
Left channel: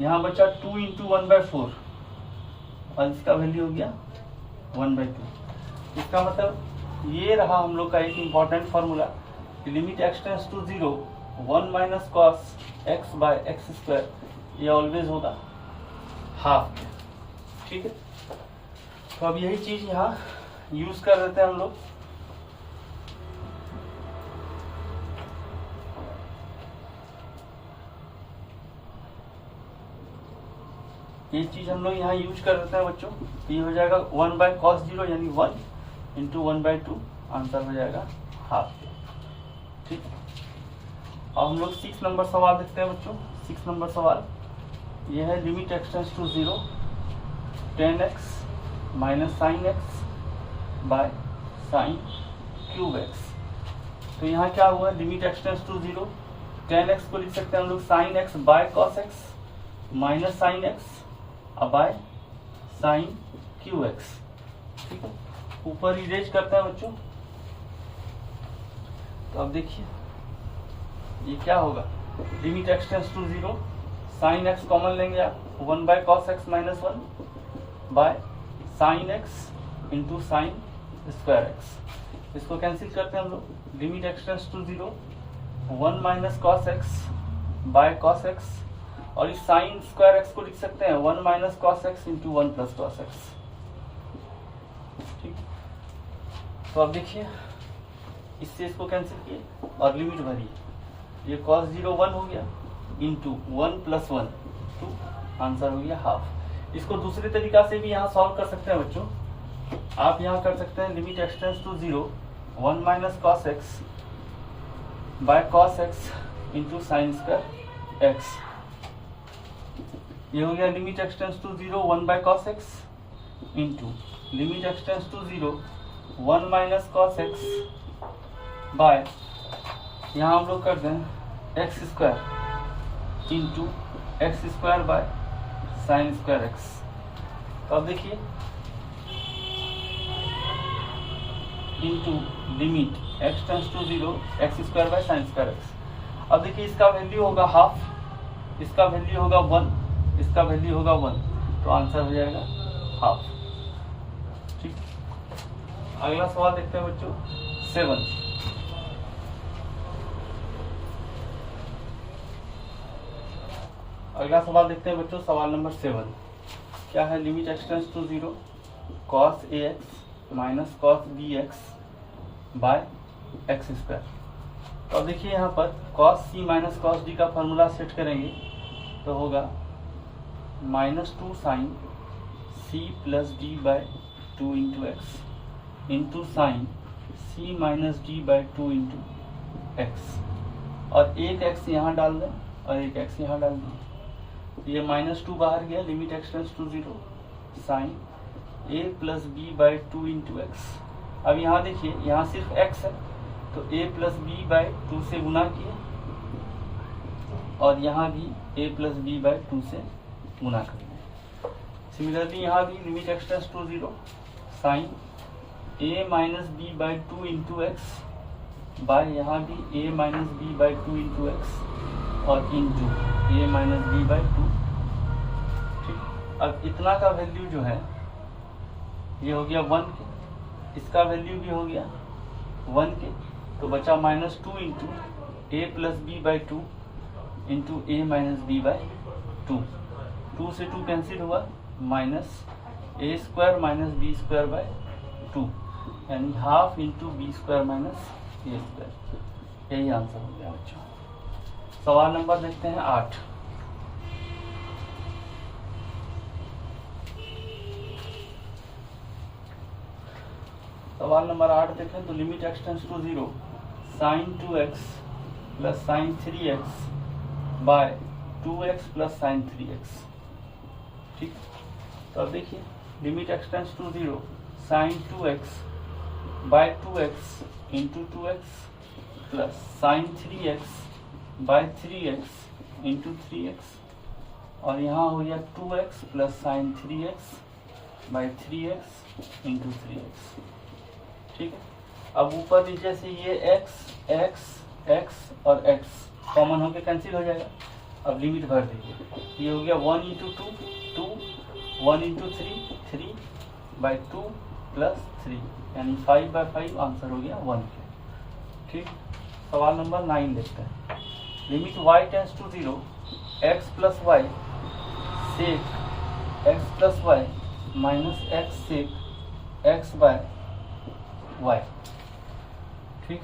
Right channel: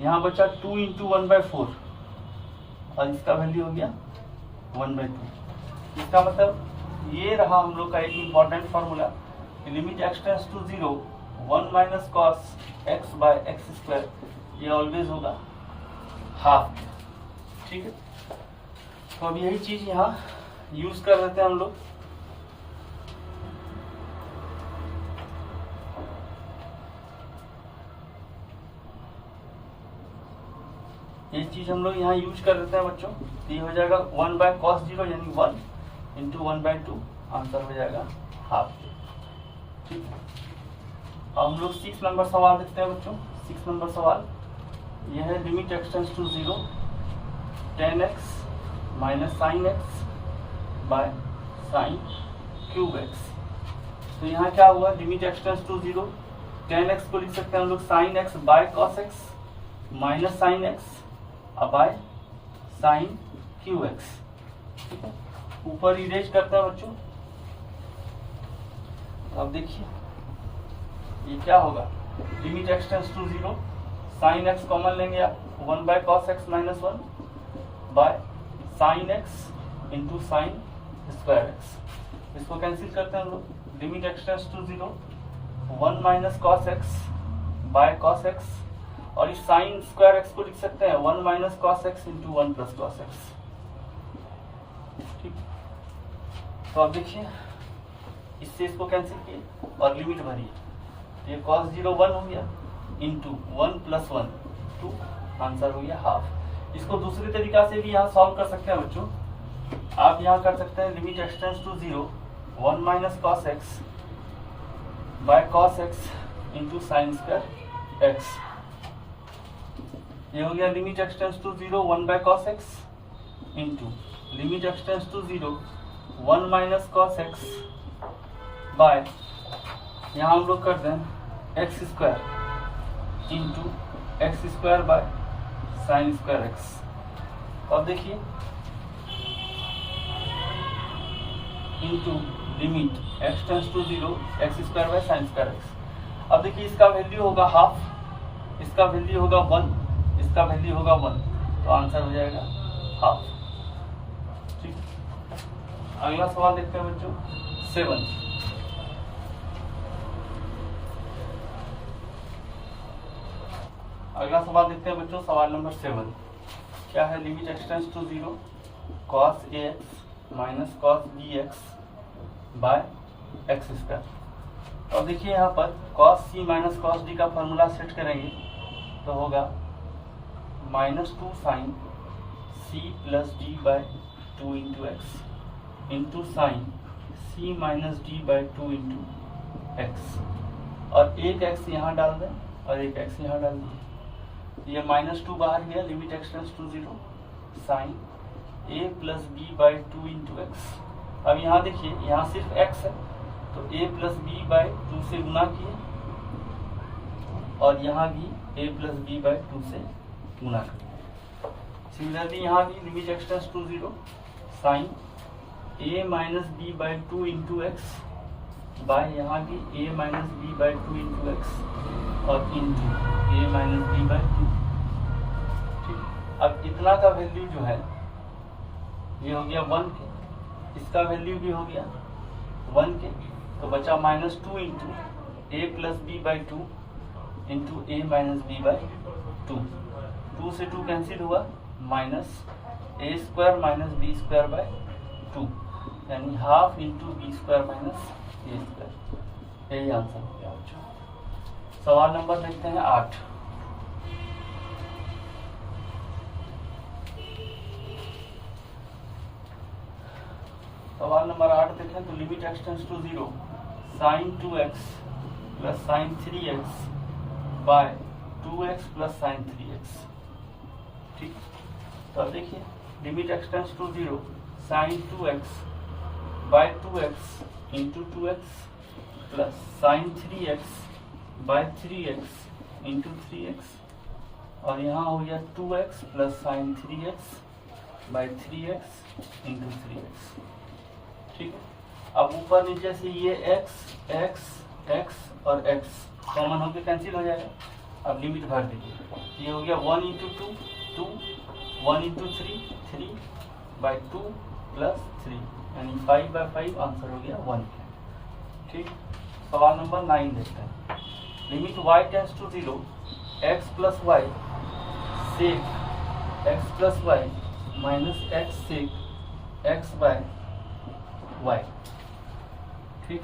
यहाँ बचा 2 इंटू 1/4 और इसका वैल्यू हो गया 1/2। इसका मतलब ये रहा हम लोग का एक important formula, limit x tends to 0 1 minus cos x by x², ये ऑलवेज होगा हाफ। ठीक है, तो अब यही चीज यहाँ यूज कर देते हैं हम लोग। ये चीज हम लोग यहाँ यूज कर देते हैं बच्चों। ये हो जाएगा 1 बाय कॉस 0 यानी 1 इंटू 1/2, आंसर हो जाएगा हाफ। ठीक है, अब हम लोग 6 नंबर सवाल देखते हैं बच्चों। 6 नंबर सवाल ये है limit x tends to 0 10x minus sine x by sine cube x. तो यहाँ क्या हुआ, limit x tends to 0, tan x को लिख सकते हैं हम लोग sine x by cos x minus sine x by sine cube x. ठीक है, ऊपर इरेज करते हैं बच्चों। तो अब देखिए ये क्या होगा, limit x tends to 0, sine x common लेंगे आप, 1 by cos x minus 1 by sine x into sine square x. इसको कैंसिल करते हैं हम लोग, limit x tends to 0, 1 minus cos x by cos x, और इस साइन स्क्वायर एक्स को लिख सकते हैं 1 minus cos x into 1 plus cos x. ठीक, तो अब देखिए इससे इसको कैंसिल किए और लिमिट भरी, ये कॉस 0 1 हो गया इंटू 1 प्लस 1 2, आंसर हो गया हाफ। इसको दूसरे तरीका से भी यहाँ सॉल्व कर सकते हैं बच्चों। आप यहाँ कर सकते हैं limit x tends to 0, 1 minus cos x by cos x into sine square x. ये हो गया limit x tends to 0, 1 by cos x into limit x tends to 0, 1 minus cos x by, यहाँ हम लोग करते हैं x square into x square by sine square x. अब देखिए into limit x tends to 0, x square by sine square x. अब देखिए इसका वैल्यू होगा हाफ, इसका वैल्यू होगा 1, इसका वैल्यू होगा 1, तो आंसर हो जाएगा हाफ। ठीक, अगला सवाल देखते हैं बच्चों 7। अगला सवाल देखते हैं बच्चों, सवाल नंबर 7 क्या है, limit x tends to 0, cos A X minus cos B X by x square. तो देखिए यहाँ पर कॉस सी माइनस कॉस डी का फॉर्मूला सेट करेंगे तो होगा -2 sign C plus D by 2 into x into sign C minus D by 2 into x, और एक एक्स यहाँ डाल दें और एक एक्स यहाँ डाल दें। ये -2 बाहर गया, limit x tends to 0, sign a plus B by 2 into x. अब यहाँ देखिए यहाँ सिर्फ x है तो a प्लस बी बाई 2 से गुना किए, और यहाँ भी a प्लस बी बाई 2 से गुना करिए। सिमिलरली यहाँ भी limit x tends to 0, sign a minus B by 2 into x by, यहाँ भी a minus B by 2 into x और into a minus B by 2। अब इतना का वैल्यू जो है ये हो गया 1 के, इसका वैल्यू भी हो गया 1 के, तो बचा -2 into a plus B by 2 into a minus B by 2। 2 से 2 कैंसिल हुआ, minus a square minus b square by 2, यानी half into b square minus a square. यही आंसर हो गया बच्चों। सवाल नंबर देखते हैं 8। सवाल नंबर 8 देखें तो limit x tends to 0, sine 2x plus sine 3x by 2x plus sine 3x। ठीक, तो अब देखिए limit x tends to 0, sine 2x by 2x into 2x plus sine 3x by 3x into 3x, और यहाँ हो गया 2x plus sine 3x by 3x into 3x। ठीक है, अब ऊपर नीचे से ये x x x और x कॉमन होकर कैंसिल हो जाएगा। अब लिमिट भर दीजिए, ये हो गया 1 इंटू 2 2, 1 इंटू 3 3 बाई 2 प्लस 3, यानी 5 बाई 5, आंसर हो गया 1 के। ठीक, सवाल नंबर 9 देखते हैं। Limit y tends to 0, x plus y sec x plus y minus x sec x by y। ठीक,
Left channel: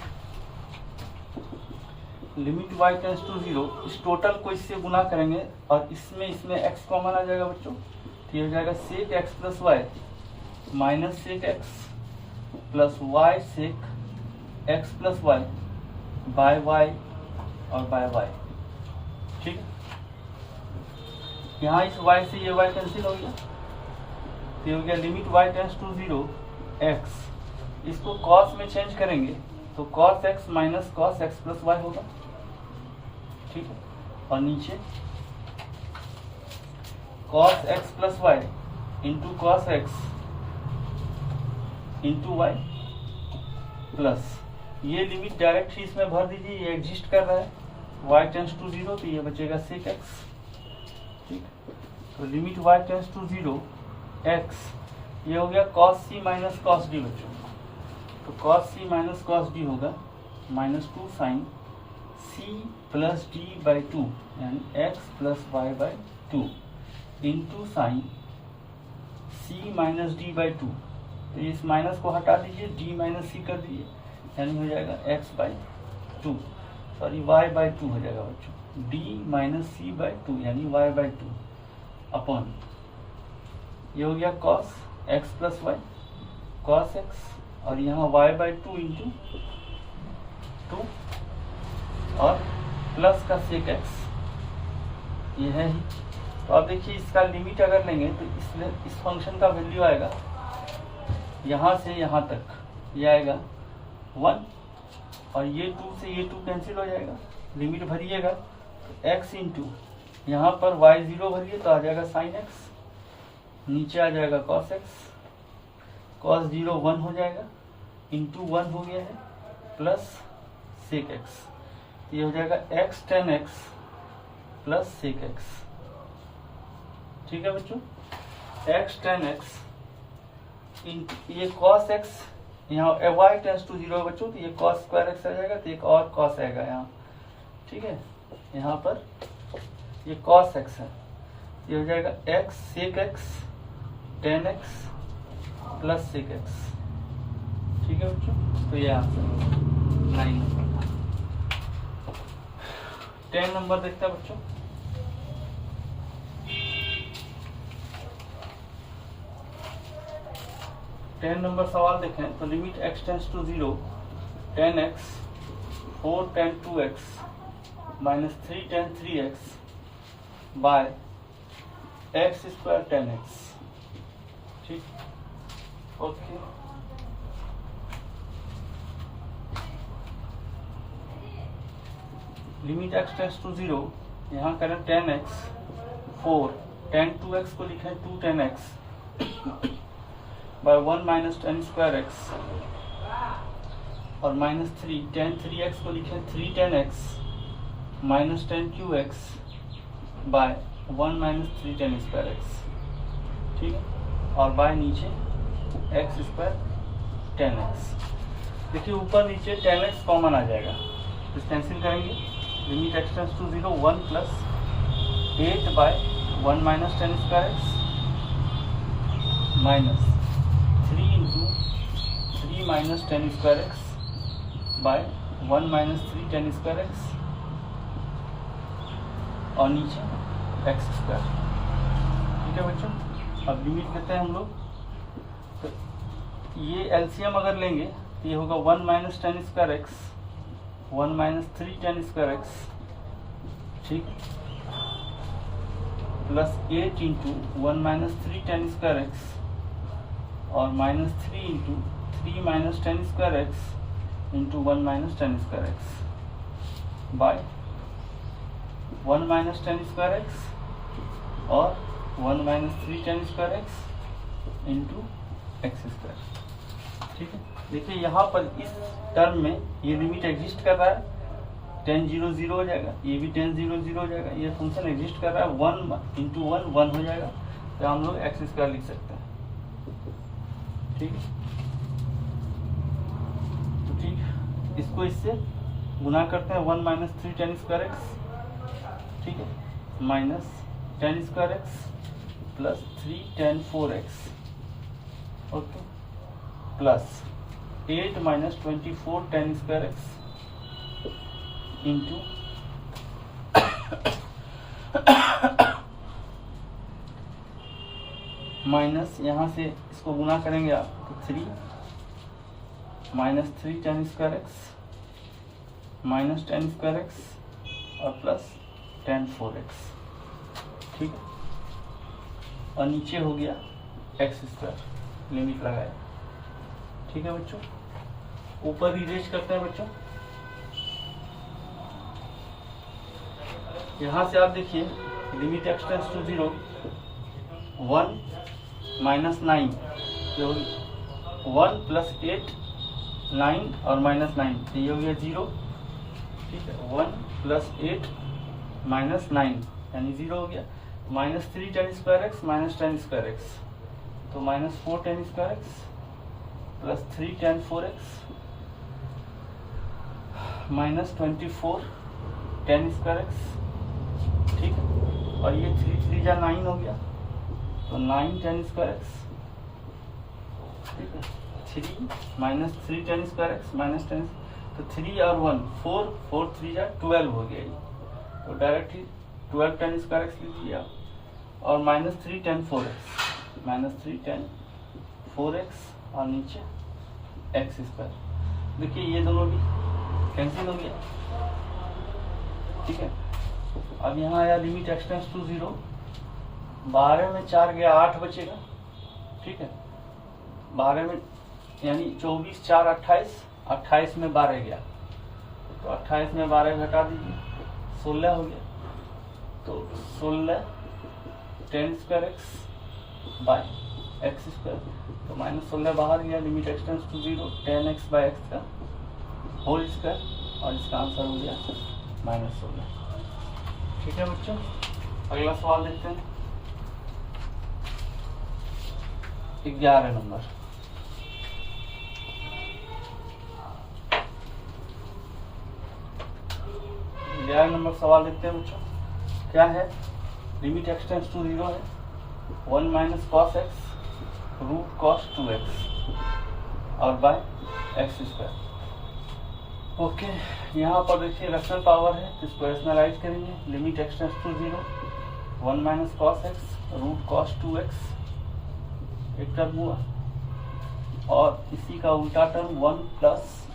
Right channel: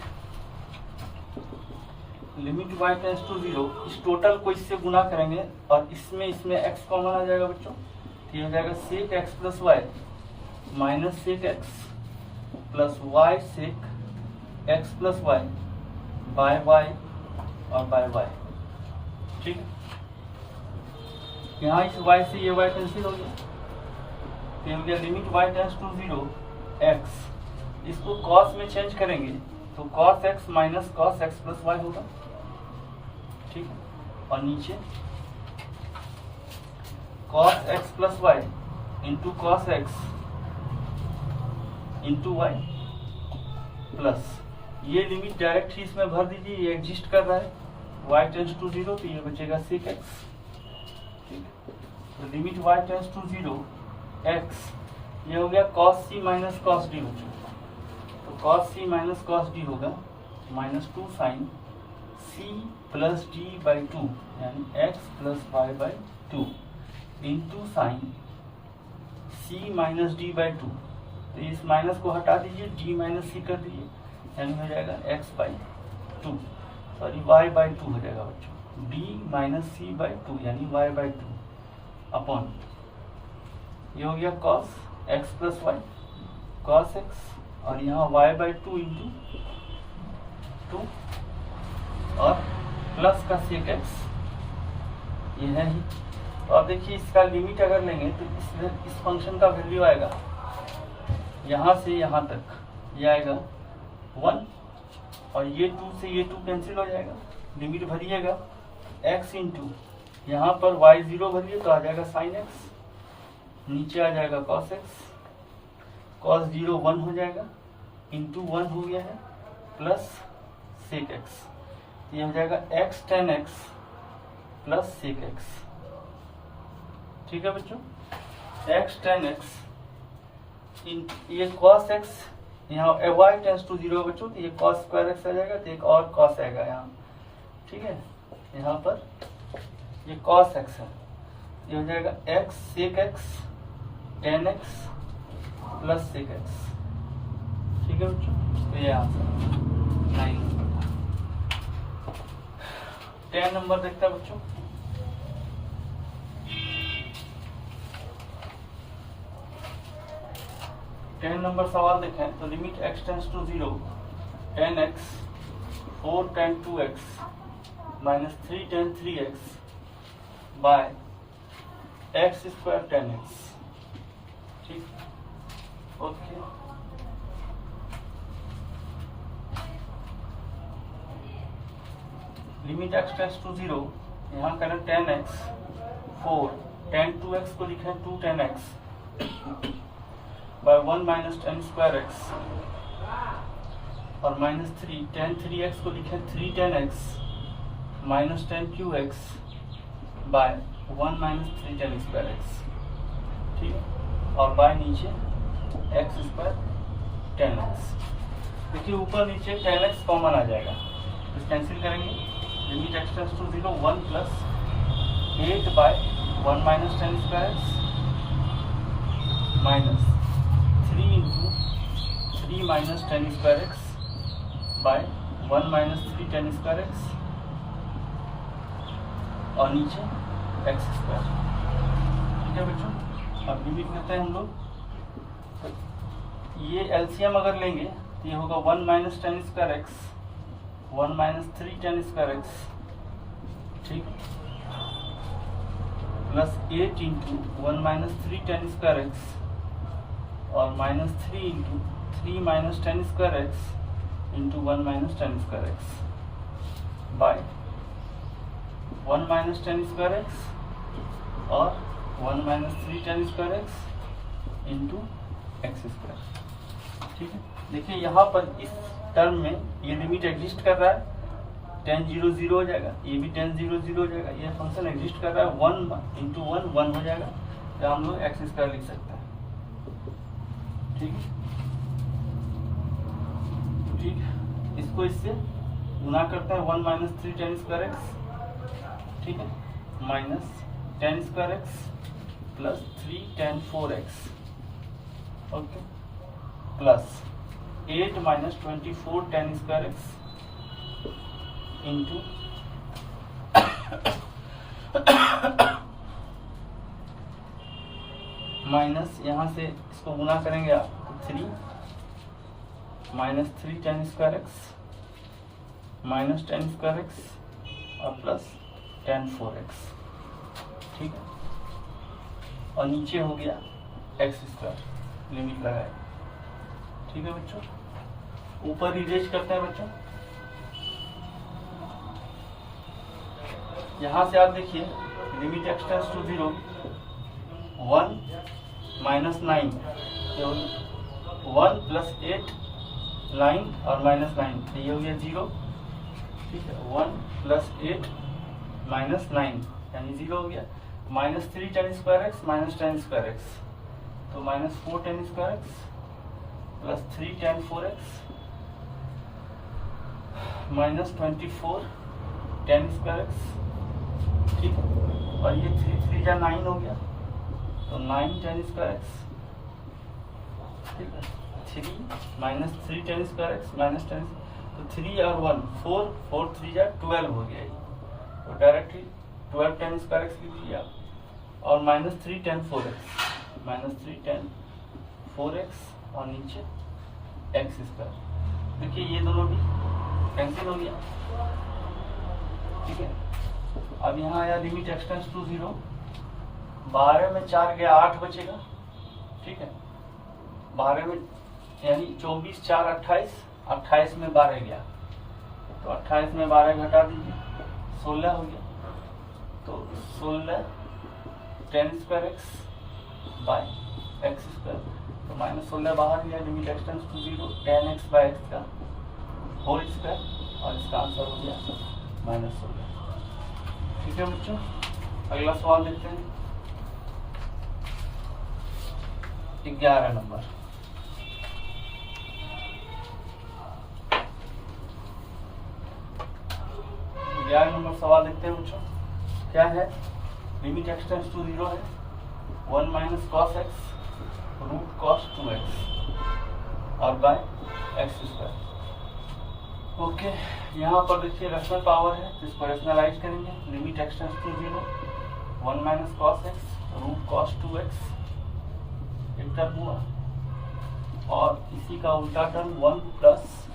लिमिट y टेंड्स टू 0, इस टोटल को इससे गुना करेंगे और इसमें x कॉमन आ जाएगा बच्चों, तो ये हो जाएगा sec x plus y minus sec x plus y sec x plus y by y और बाय y। ठीक, यहाँ इस y से ये y कैंसिल हो गया, तो ये हो गया limit y tends to 0, x इसको कॉस में चेंज करेंगे तो cos x minus cos x plus y होगा, ठीक है। और नीचे cos x plus y into cos x into y plus, ये लिमिट डायरेक्ट ही इसमें भर दीजिए, ये एग्जिस्ट कर रहा है, y टेंस टू 0 तो ये बचेगा sec x, ठीक। तो limit y tends to 0 x, ये हो गया cos c minus cos d बच्चों। तो cos c minus cos d होगा -2 sin c plus d by 2 यानी x plus y by 2 into sine c minus d by 2। तो इस माइनस को हटा दीजिए, d माइनस c कर दीजिए, यानी हो जाएगा x by 2, sorry y by 2 हो जाएगा बच्चों, d माइनस c बाई 2 यानी y बाई 2 अपॉन, ये हो गया cos x plus y cos x, और यहाँ y बाई 2 इंटू 2 और प्लस का sec x, ये है ही। तो अब देखिए इसका लिमिट अगर लेंगे तो इस फंक्शन का वैल्यू आएगा यहाँ से यहाँ तक, ये आएगा 1, और ये 2 से ये 2 कैंसिल हो जाएगा, लिमिट भरिएगा तो x इंटू यहाँ पर y 0 भरिए तो आ जाएगा sin x, नीचे आ जाएगा cos x, cos 0 1 हो जाएगा, इंटू 1 हो गया है प्लस sec x, ये हो जाएगा x tan x plus sec x, ठीक है बच्चों। x tan x ये cos x, यहाँ y टेंस टू 0 बच्चों, तो ये cos स्क्वायर x आ जाएगा, तो एक और cos आएगा यहाँ, ठीक है। यहाँ पर ये cos x है, ये हो जाएगा x sec x tan x plus sec x, ठीक है बच्चों। तो ये आंसर 9 नंबर। 10 नंबर देखते हैं बच्चों। टेन नंबर सवाल देखें तो limit x tends to 0 tan x 4 tan 2x minus 3 tan 3x by x square tan x, ठीक, okay. Limit x tends to 0, यहाँ करें tan x 4 tan 2x को लिखें 2 tan x by 1 minus tan square x, और minus 3 tan 3x को लिखें 3 tan x minus tan qx by 1 minus 3 tan square x, ठीक है। और बाय नीचे x स्क्वायर tan x, देखिए ऊपर नीचे tan x कॉमन आ जाएगा, तो कैंसिल करेंगे। Limit x tends to 0 1 plus 8 by 1 minus tan square x minus 3 into 3 minus tan square x by 1 minus 3 tan square x, और नीचे x स्क्वायर, ठीक है बच्चों। अब लिमिट लेते हैं हम लोग, तो ये एलसीएम अगर लेंगे तो ये होगा 1 minus tan square x 1 minus 3 tan square x, ठीक, plus 8 into 1 minus 3 tan square x और minus 3 into 3 minus tan square x into 1 minus tan square x by 1 minus tan square x और 1 minus 3 tan square x into x square, ठीक है। देखिए यहाँ पर इस term में ये लिमिट एग्जिस्ट कर रहा है, tan 0 0 हो जाएगा, ये भी tan 0 0 हो जाएगा, ये फंक्शन एग्जिस्ट कर रहा है, 1 इंटू 1 1 हो जाएगा, तो हम लोग एक्स स्क्वायर लिख सकते हैं, ठीक है। तो ठीक, इसको इससे गुना करते हैं 1 माइनस 3 tan स्क्वायर एक्स, ठीक है, minus tan square x plus 3 tan 4x, okay, plus 8 minus 24 tan square x into minus यहाँ से इसको गुना करेंगे आप तो 3 minus 3 tan square x minus tan square x और प्लस tan 4x, ठीक है। और नीचे हो गया एक्स स्क्वायर, लिमिट लगाए, ठीक है बच्चों, ऊपर इरेज करते हैं बच्चों। यहां से आप देखिए limit x tends to 0, 1 minus 9, 1 plus 8, 9 और माइनस 9, तो ये हो गया 0। ठीक है, 1 प्लस 8 माइनस 9 यानी 0 हो गया। Minus 3 ten square x minus 10 square x, तो minus 4 ten square x plus 3 ten 4 x minus 24 ten square x. ठीक है, और ये 3 3 जा 9 हो गया, तो 9 टेन स्क्वायर एक्स। ठीक है, 3 minus 3 ten square x minus 10, तो 3 और 1 4, 4 3 जा 12 हो गया ये, तो डायरेक्टली 12 टेन स्क्वायर एक्स लिख लिया। और minus 3 ten 4 x, minus 3 ten 4 x और नीचे एक्स स्क्वायर। देखिए ये दोनों भी कैंसिल हो गया। ठीक है, अब यहाँ आया लिमिट एक्स टेंड्स टू 0, 12 में 4 गया 8 बचेगा। ठीक है, 12 में यानी 24 4 28, 28 में 12 गया, तो 28 में 12 घटा दीजिए, 16 हो गया। तो 16 10 square x by x square, तो माइनस 16 बाहर गया। Limit x tends to 0, 10 x by x का होल स्क्वायर, और इसका आंसर हो गया माइनस 16। ठीक है बच्चों, अगला सवाल देखते हैं, 11 नंबर। 11 नंबर सवाल देखते हैं बच्चों, क्या है? लिमिट एक्स टेंड्स टू 0 है, 1 minus cos x root cos 2x और बाय एक्स स्क्वायर। ओके, यहाँ पर देखिए रैशनल पावर है, तो इसको रैशनलाइज करेंगे। Limit x tends to 0, 1 minus cos x root cos 2x एक टर्म हुआ, और इसी का उल्टा term 1 plus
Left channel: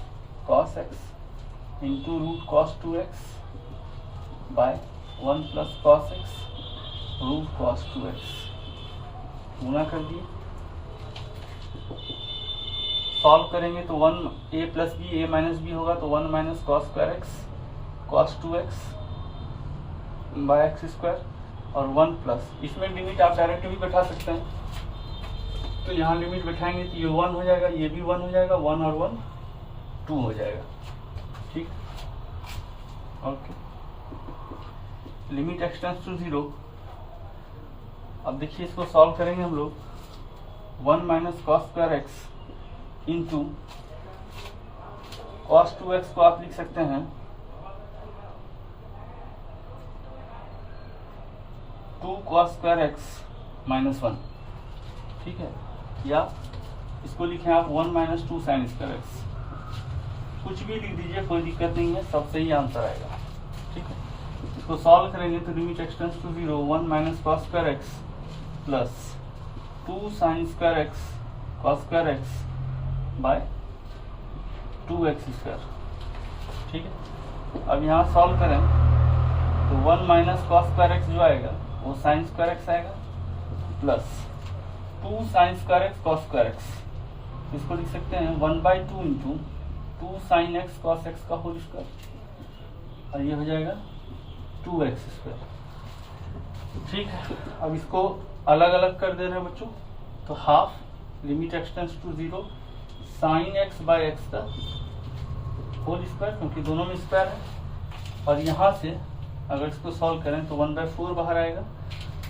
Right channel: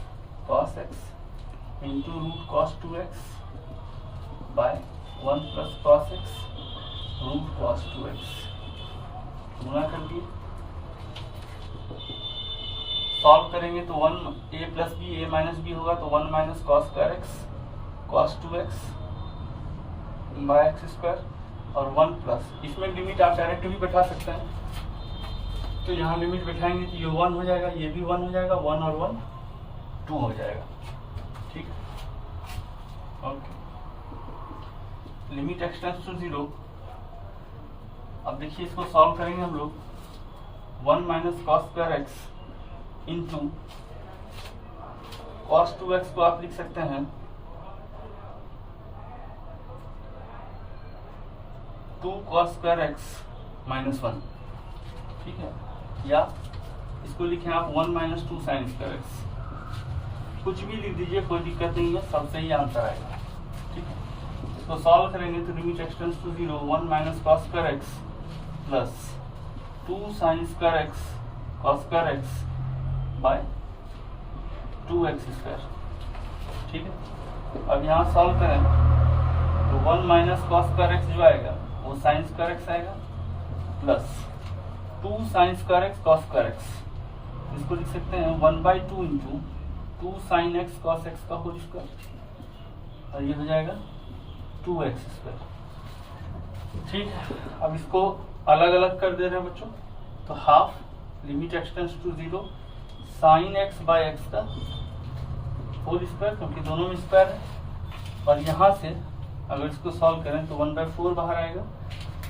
cos x into root cos 2x by 1 plus cos x root cos 2x, गुना कर दिए। सॉल्व करेंगे तो 1 a plus B a minus B होगा, तो 1 minus cos square x cos 2x by x square और 1 plus, इसमें limit आप डायरेक्ट भी बैठा सकते हैं, तो यहाँ लिमिट बैठाएंगे तो ये 1 हो जाएगा, ये भी 1 हो जाएगा, 1 और 1 2 हो जाएगा। ठीक, okay. Limit x tends to 0, अब देखिए इसको सॉल्व करेंगे हम लोग। 1 minus cos square x into cos 2x को आप लिख सकते हैं 2 कॉस स्क्वायर एक्स माइनस 1। ठीक है, या इसको लिखें आप 1 माइनस 2 साइन स्क्वायर एक्स, कुछ भी लिख दीजिए, कोई दिक्कत नहीं है, सब सही आंसर आएगा। ठीक है, इसको सॉल्व करेंगे तो limit x tends to 0, 1 minus cos square x plus 2 sine square x cos square x by 2x square. ठीक है, अब यहाँ सॉल्व करें तो 1 माइनस कॉस स्क्वायर एक्स जो आएगा वो साइन स्क्वायर एक्स आएगा, plus 2 sine square x cos square x, इसको लिख सकते हैं 1/2 into 2 sine x cos x का होल स्क्वायर, और ये हो जाएगा 2x स्क्वायर। ठीक है, अब इसको अलग अलग कर दे रहे हैं बच्चों, तो half limit x tends to 0 sine x by x का होल स्क्वायर, क्योंकि दोनों में स्क्वायर है, और यहाँ से अगर इसको सॉल्व करें तो 1/4 बाहर आएगा।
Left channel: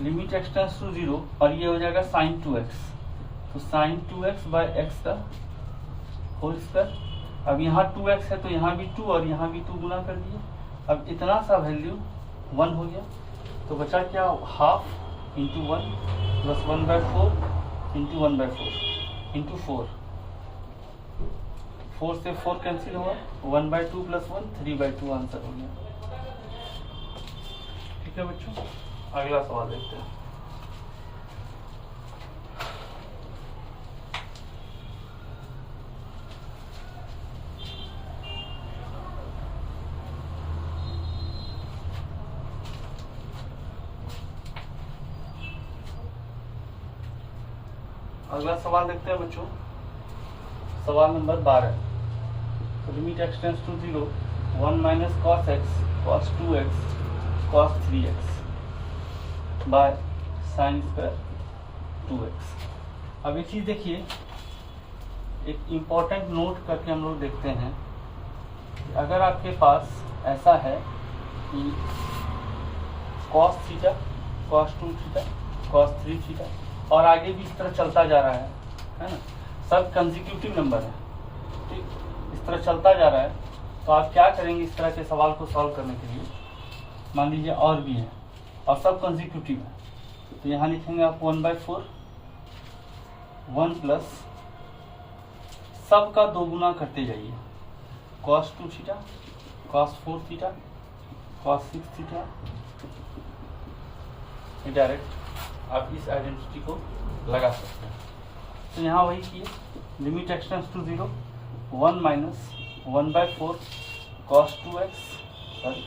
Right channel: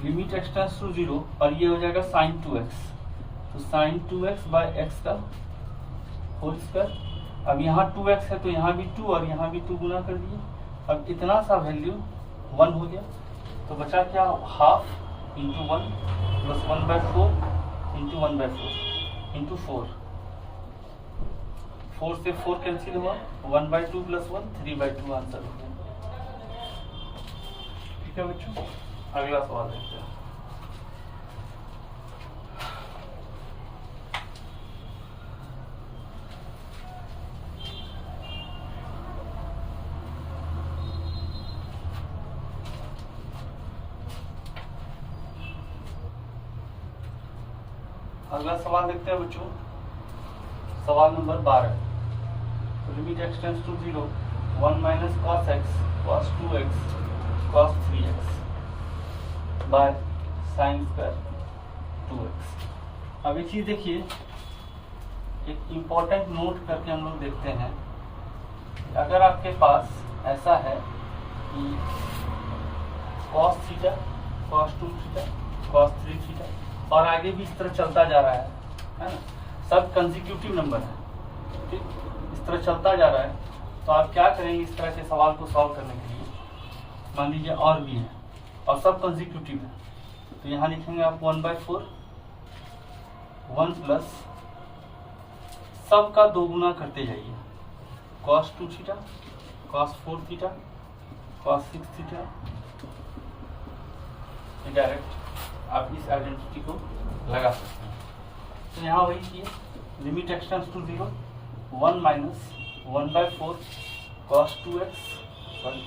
लिमिट एक्स टेंड्स टू 0, और ये हो जाएगा साइन 2x, तो साइन 2x बाय एक्स का होल स्क्वायर। अब यहाँ 2x है तो यहाँ भी 2 और यहाँ भी 2 गुना कर दिए, अब इतना सा वैल्यू 1 हो गया, तो बचा क्या? Half into 1 plus 1/4 into 1/4 into 4, 4 से 4 कैंसिल हुआ, 1/2 प्लस 1 3/2 आंसर हो गया। ठीक है बच्चों, अगला सवाल देखते हैं। अगला सवाल देखते हैं बच्चों। सवाल नंबर 12। तो limit x tends to 0 1 minus cos x cos 2x cos 3x by sine square 2x। अब एक चीज देखिए, एक इम्पॉर्टेंट नोट करके हम लोग देखते हैं कि अगर आपके पास ऐसा है कि cos theta cos 2 theta cos 3 theta और आगे भी इस तरह चलता जा रहा है ना, सब कंसेक्यूटिव नंबर है, ठीक, इस तरह चलता जा रहा है, तो आप क्या करेंगे इस तरह के सवाल को सॉल्व करने के लिए। मान लीजिए और भी है और सब कंसेक्यूटिव है, तो यहाँ लिखेंगे आप 1/4 1 प्लस सब का 2 गुना करते जाइए, cos 2 theta cos 4 theta cos 6 theta. Direct आप इस आइडेंटिटी को लगा सकते हैं। तो यहाँ वही किए, limit x tends to 0 1 minus 1/4 cos 2x sorry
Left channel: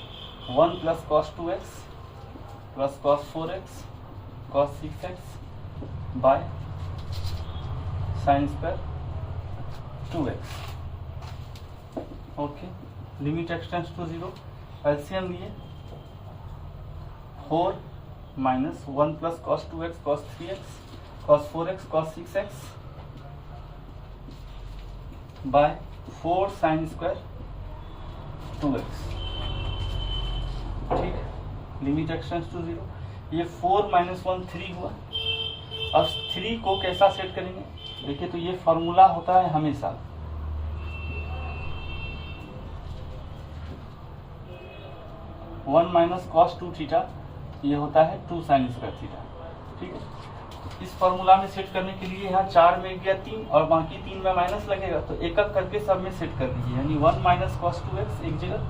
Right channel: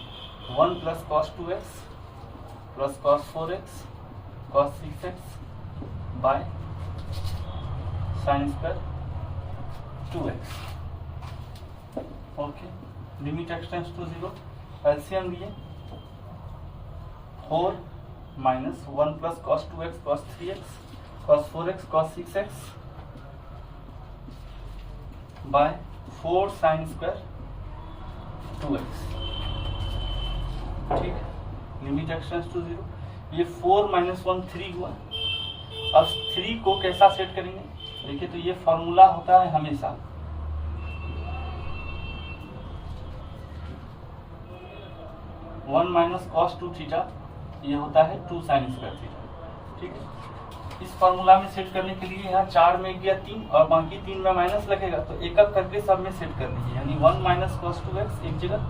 1 plus cos 2x plus cos 4x cos 6x by sine square 2x। Okay, limit x tends to 0, LCM लिए 4 minus 1 plus cos 2x cos 3x cos 4x cos 6x by 4 sine square 2x। ठीक है, limit x tends to 0, ये 4 minus 1 3 हुआ। अब 3 को कैसा set करेंगे, देखिए तो ये फॉर्मूला होता है हमेशा 1 माइनस कॉस 2 थीटा, ये होता है 2 साइन स्क्वायर थीटा। ठीक है, इस फॉर्मूला में सेट करने के लिए यहाँ 4 में गया 3 और बाकी 3 में माइनस लगेगा, तो एक एक करके सब में सेट कर दीजिए। यानी 1 माइनस कॉस 2x एक जगह,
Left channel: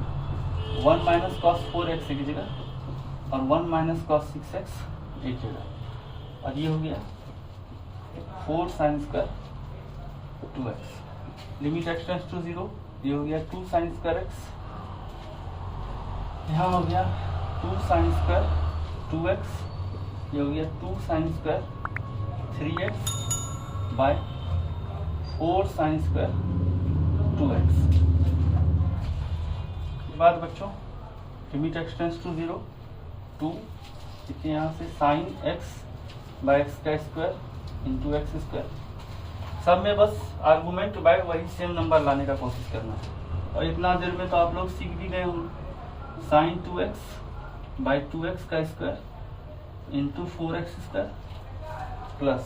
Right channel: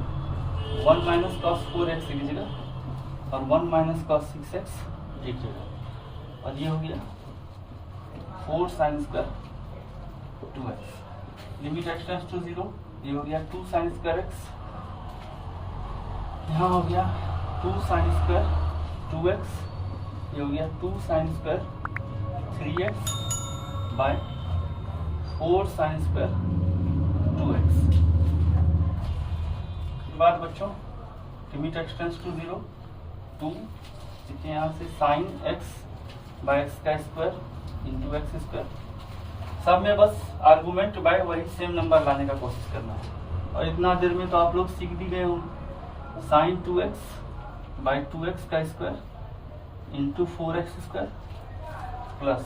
1 माइनस कॉस 4x एक जगह और 1 माइनस कॉस 6x एक जगह, और ये हो गया 4 sine square 2x। Limit x tends to 0, ये हो गया 2 साइन स्क्वायर x, यहाँ हो गया 2 साइन स्क्वायर 2x, ये हो गया 2 sine square 3x by 4 sine square 2x। बाद बच्चों लिमिट x टेंड्स टू 0 2, देखिए यहाँ से साइन x बाय x का स्क्वायर इंटू एक्स स्क्वायर, सब में बस आर्गूमेंट बाय वही सेम नंबर लाने का कोशिश करना है। और इतना देर में तो आप लोग सीख भी गए होंगे, साइन 2x बाई 2x का square into 4x square plus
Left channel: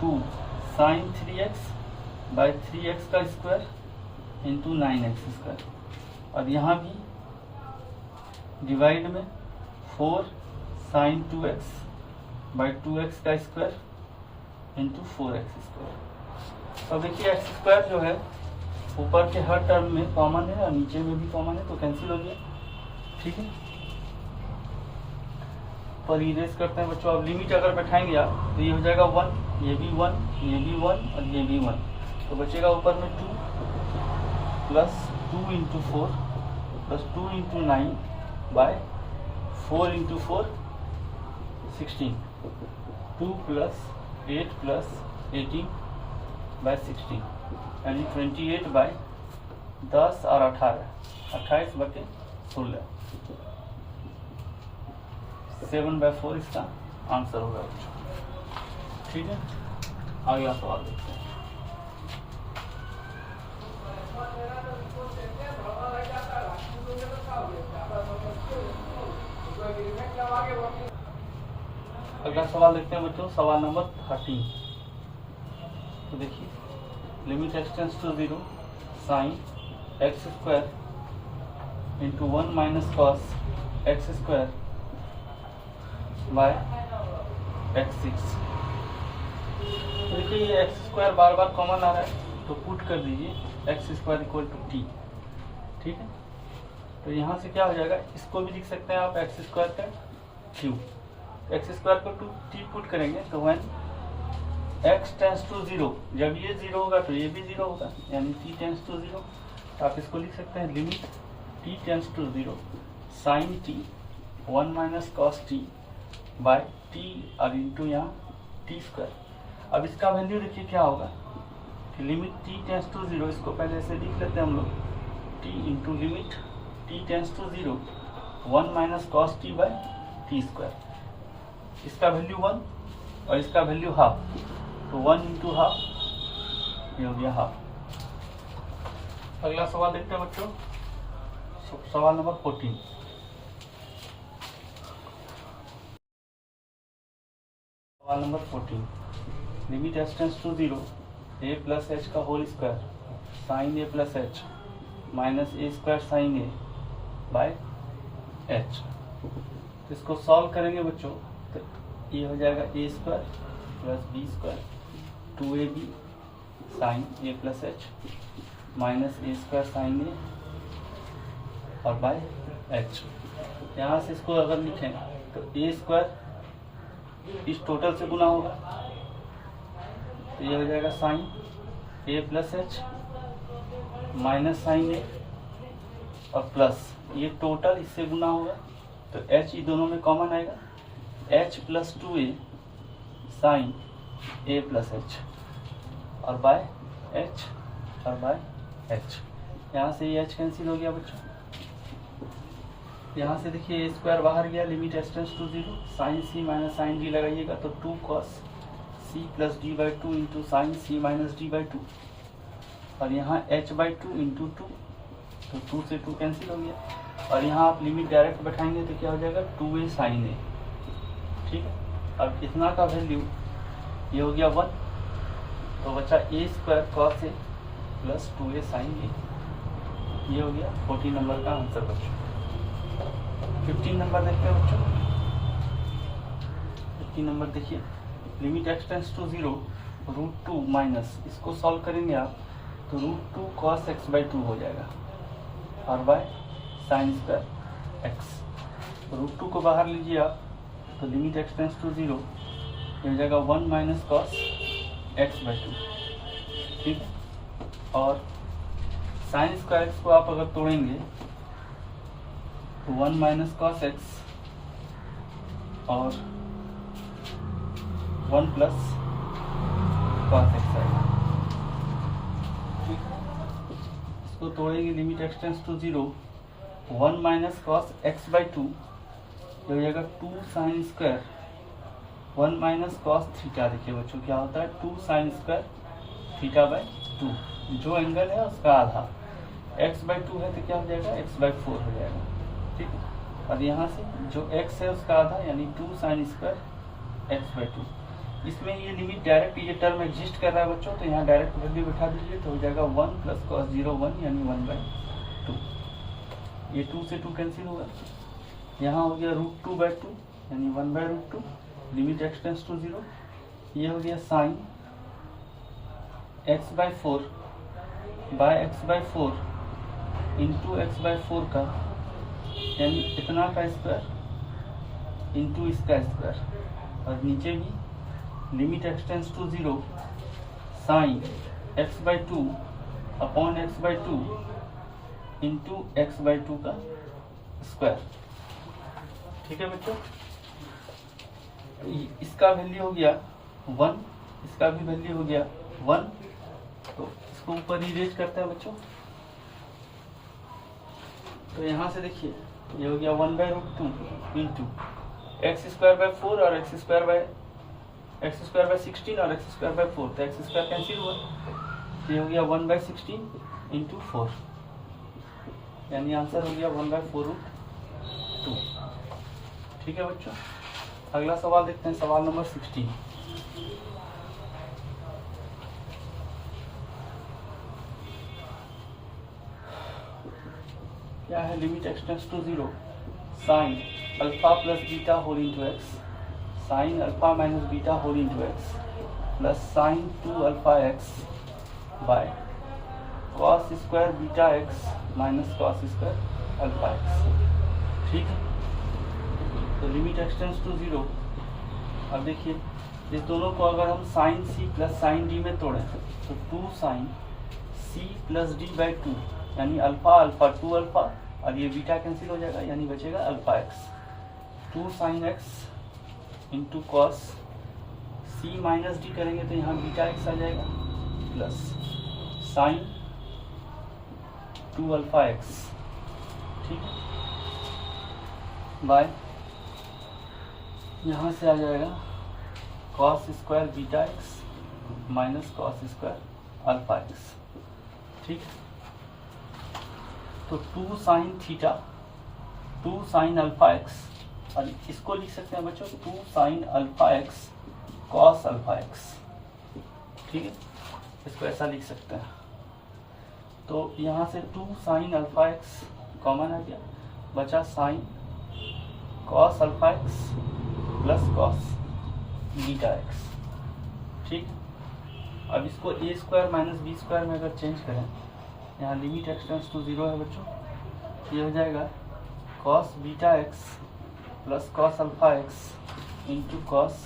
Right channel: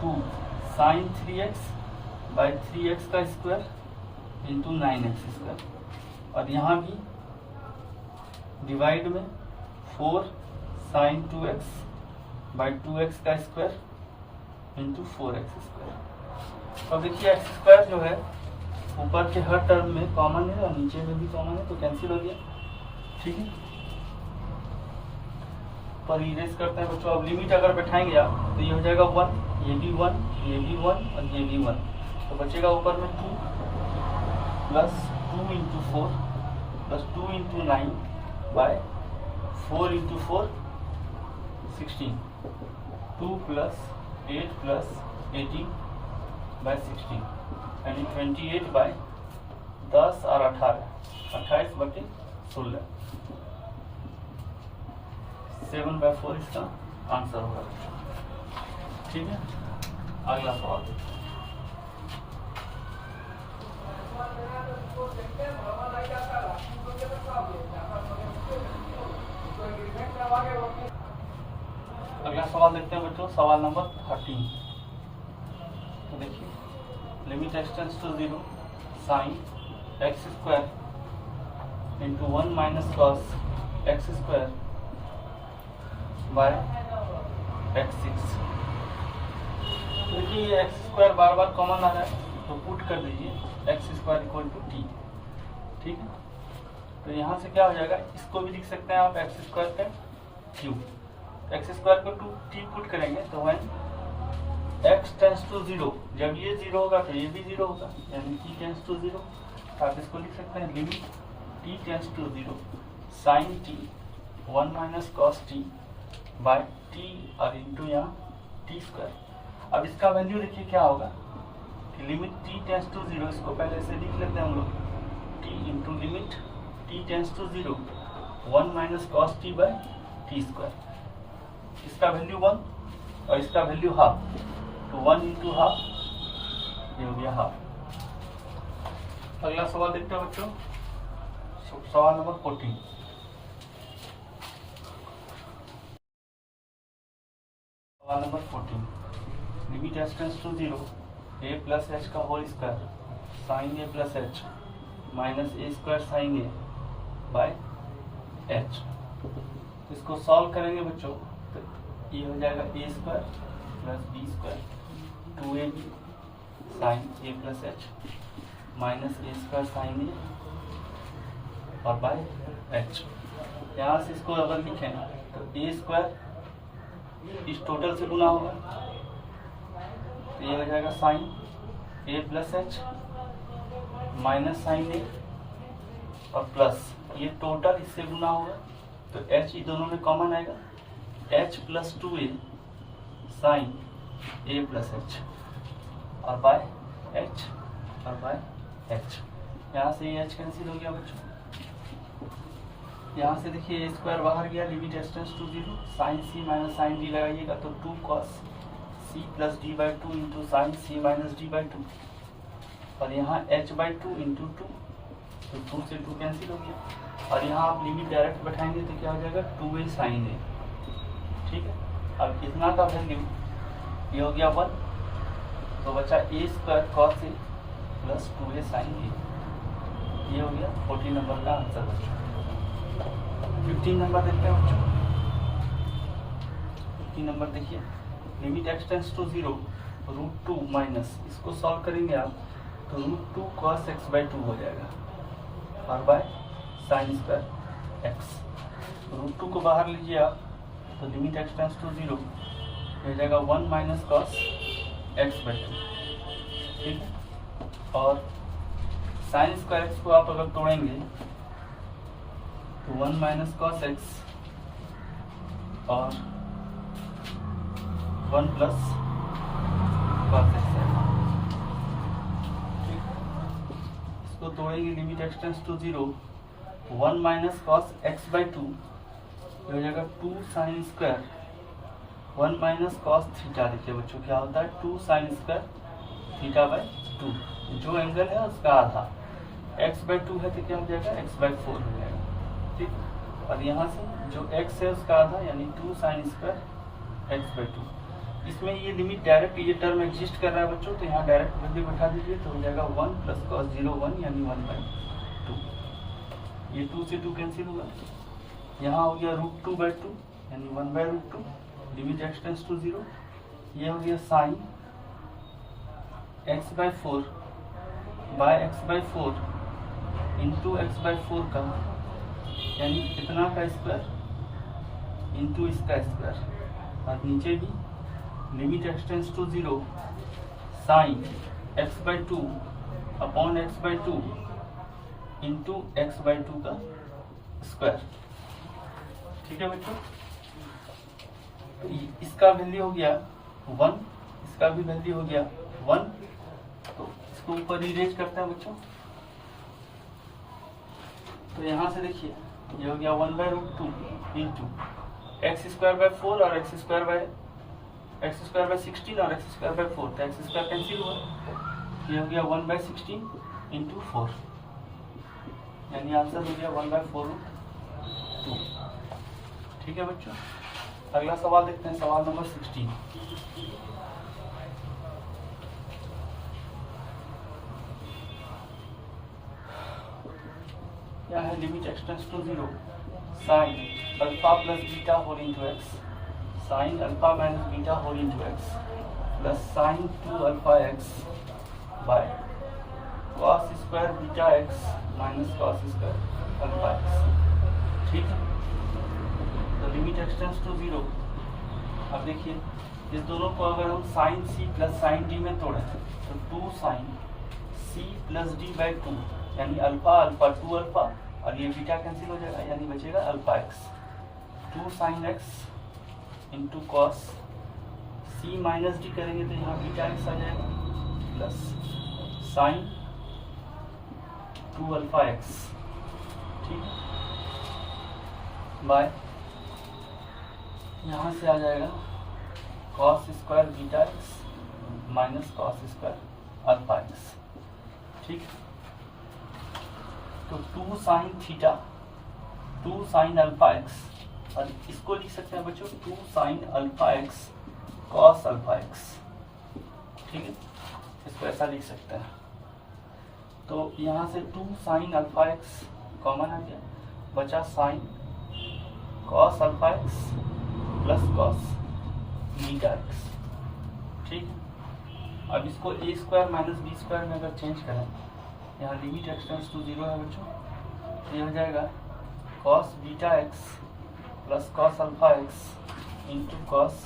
2 sine 3x by 3x का स्क्वायर इंटू 9x स्क्वायर, और यहाँ भी डिवाइड में 4 साइन 2x बाई 2x का स्क्वायर इंटू 4x स्क्वायर। तो देखिए एक्स स्क्वायर जो है ऊपर के हर टर्म में कॉमन है और नीचे में भी कॉमन है, तो कैंसिल हो गया। ठीक है, पर इरेज करते हैं बच्चों। अब लिमिट अगर बैठाएंगे आप तो ये हो जाएगा 1, ये भी 1, ये भी 1 और ये भी 1, तो बचेगा ऊपर में 2 plus 2 into 4 plus 2 into 9 by 4 into 4 16, 2 plus 8 plus 18 by 16, यानी 28 बाय 10 और 18 28 बटे 16, 7/4 इसका आंसर होगा। ठीक है, अगला सवाल देखते हैं। अगला सवाल देखते हैं बच्चों, सवाल नंबर 13। तो देखिए limit x tends to 0 sine x square into 1 minus cos x square by x6। तो देखिए ये x स्क्वायर बार बार कॉमन आ रहा है, तो पुट कर दीजिए x square equal to t। ठीक है, तो यहाँ से क्या हो जाएगा, इसको भी लिख सकते हैं आप x स्क्वायर का क्यूब, x स्क्वायर को 2t पुट करेंगे तो वह x टेंड्स टू 0, जब ये 0 होगा तो ये भी 0 होगा, यानी t टेंड्स टू 0। तो आप इसको लिख सकते हैं limit t tends to 0 sine t 1 minus cos t by t और इंटू यहाँ टी स्क्वायर। अब इसका वैल्यू देखिए क्या होगा, लिमिट t टेंस टू 0, इसको पहले से लिख लेते हैं हम लोग, t into limit t tends to 0 1 minus cos T by T square. इसका वैल्यू 1 और इसका वैल्यू हाफ, तो 1 इंटू हाफ, ये हो गया हाफ। अगला सवाल देखते हैं बच्चों, सवाल नंबर 14। सवाल number 14, limit H tends to 0 a plus h का whole square sine a plus h minus a square sine a by h. इसको सॉल्व करेंगे बच्चों तो ये हो जाएगा a square plus b square 2ab sine a plus h minus a square sine a और by H. यहाँ से इसको अगर लिखें तो ए स्क्वायर इस टोटल से गुना होगा, तो ये हो जाएगा sign a plus h minus sign a और प्लस ये टोटल इससे गुना होगा, तो एच ये दोनों में कॉमन आएगा, H plus 2a sign a plus H और बाय एच और बाय एच। यहाँ से ये एच कैंसिल हो गया बच्चों। यहाँ से देखिए ए स्क्वायर बाहर गया, limit H tends to 0, sine C minus sine D लगाइएगा तो 2 cos C plus D by 2 into sign C minus D by 2 और यहाँ एच बाई 2 इंटू 2, तो 2 से 2 कैंसिल हो गया और यहाँ आप लिमिट डायरेक्ट बैठाएंगे तो क्या हो जाएगा 2a साइन ए। ठीक है, अब इतना का वैल्यू ये हो गया 1, तो बचा ए square cos A plus 2a sign ए। ये हो गया 14 नंबर का आंसर बच्चों। 15 नंबर देखते हैं बच्चों। 15 नंबर देखिए, limit x tends to 0 √2 minus, इसको सॉल्व करेंगे आप तो √2 cos x बाई 2 हो जाएगा और बाय साइन स्क्वायर एक्स। √2 को बाहर लीजिए आप तो लिमिट एक्स टेंस टू 0 हो जाएगा 1 माइनस कॉस एक्स बाई 2। ठीक है, और साइन स्क्वायर एक्स को आप अगर तोड़ेंगे तो 1 माइनस कॉस एक्स और 1 प्लस कॉस एक्स आएगा। इसको तोड़ेंगे, limit x tends to 0 1 minus cos x by 2 हो जाएगा 2 sine square 1 minus cos theta. देखिए बच्चों क्या होता है 2 साइन स्क्वायर थीटा बाई 2, जो एंगल है उसका आधा, x बाई 2 है तो क्या हो जाएगा x बाई 4 हो जाएगा। ठीक, और यहाँ से जो x है उसका आधा यानी 2 साइन स्क्वायर x बाई 2। इसमें ये लिमिट डायरेक्ट ये टर्म एग्जिस्ट कर रहा है बच्चों, तो यहाँ डायरेक्ट वैल्यू बैठा दीजिए तो हो जाएगा 1 प्लस कॉस 0 1 यानी 1 बाई 2। ये 2 से 2 कैंसिल होगा, यहाँ हो गया √2 बाई 2 यानी 1 by √2, limit x tends to 0। ये हो गया sine x by 4 by x by 4 into x by 4 का यानी इतना का स्क्वायर इंटू इसका स्क्वायर, और नीचे भी limit x tends to 0 sine x by 2 upon x by 2 into x by 2 का स्क्वायर। ठीक है बच्चों, इसका वैल्यू हो गया 1, इसका भी वैल्यू हो गया 1, तो इसको ऊपर इरेज करते हैं बच्चों। तो यहाँ से देखिए ये हो गया 1 by √2 into x square by 4 और एक्स स्क्वायर बाई 16 और एक्स स्क्वायर बाई 4, तो एक्स स्क्वायर कैंसिल हुआ, ये हो गया 1 बाई 16 इंटू 4 यानी आंसर हो गया 1 बाई 4√2। ठीक है बच्चों, अगला सवाल देखते हैं, सवाल नंबर 16। क्या है, limit x tends to 0 sine alpha plus beta whole into x sine alpha minus beta whole into x plus sine 2 alpha x by cos square beta x minus cos square alpha x. ठीक है, तो limit x tends to 0। अब देखिए इस दोनों को अगर हम sine C plus sine D में तोड़ें तो 2 sign C plus D by 2 यानी अल्फा अल्फा 2 अल्फा, और ये बीटा कैंसिल हो जाएगा यानी बचेगा alpha x. 2 sine x into cos सी माइनस डी करेंगे तो यहाँ बीटा एक्स आ जाएगा प्लस साइन 2 अल्फा एक्स, ठीक है, बाय यहाँ से आ जाएगा cos square beta x minus cos square alpha x, ठीक है। तो 2 sine theta 2 sine alpha x, और इसको लिख सकते हैं बच्चों 2 sine alpha x cos alpha x, ठीक है, इसको ऐसा लिख सकते हैं। तो यहाँ से 2 साइन अल्फा एक्स कॉमन आ गया, बचा sine cos alpha x plus cos beta x, ठीक है। अब इसको ए स्क्वायर माइनस बी स्क्वायर में अगर चेंज करें, यहाँ लिमिट एक्स टेंड्स टू 0 है बच्चों, ये हो जाएगा cos beta x plus cos alpha x into cos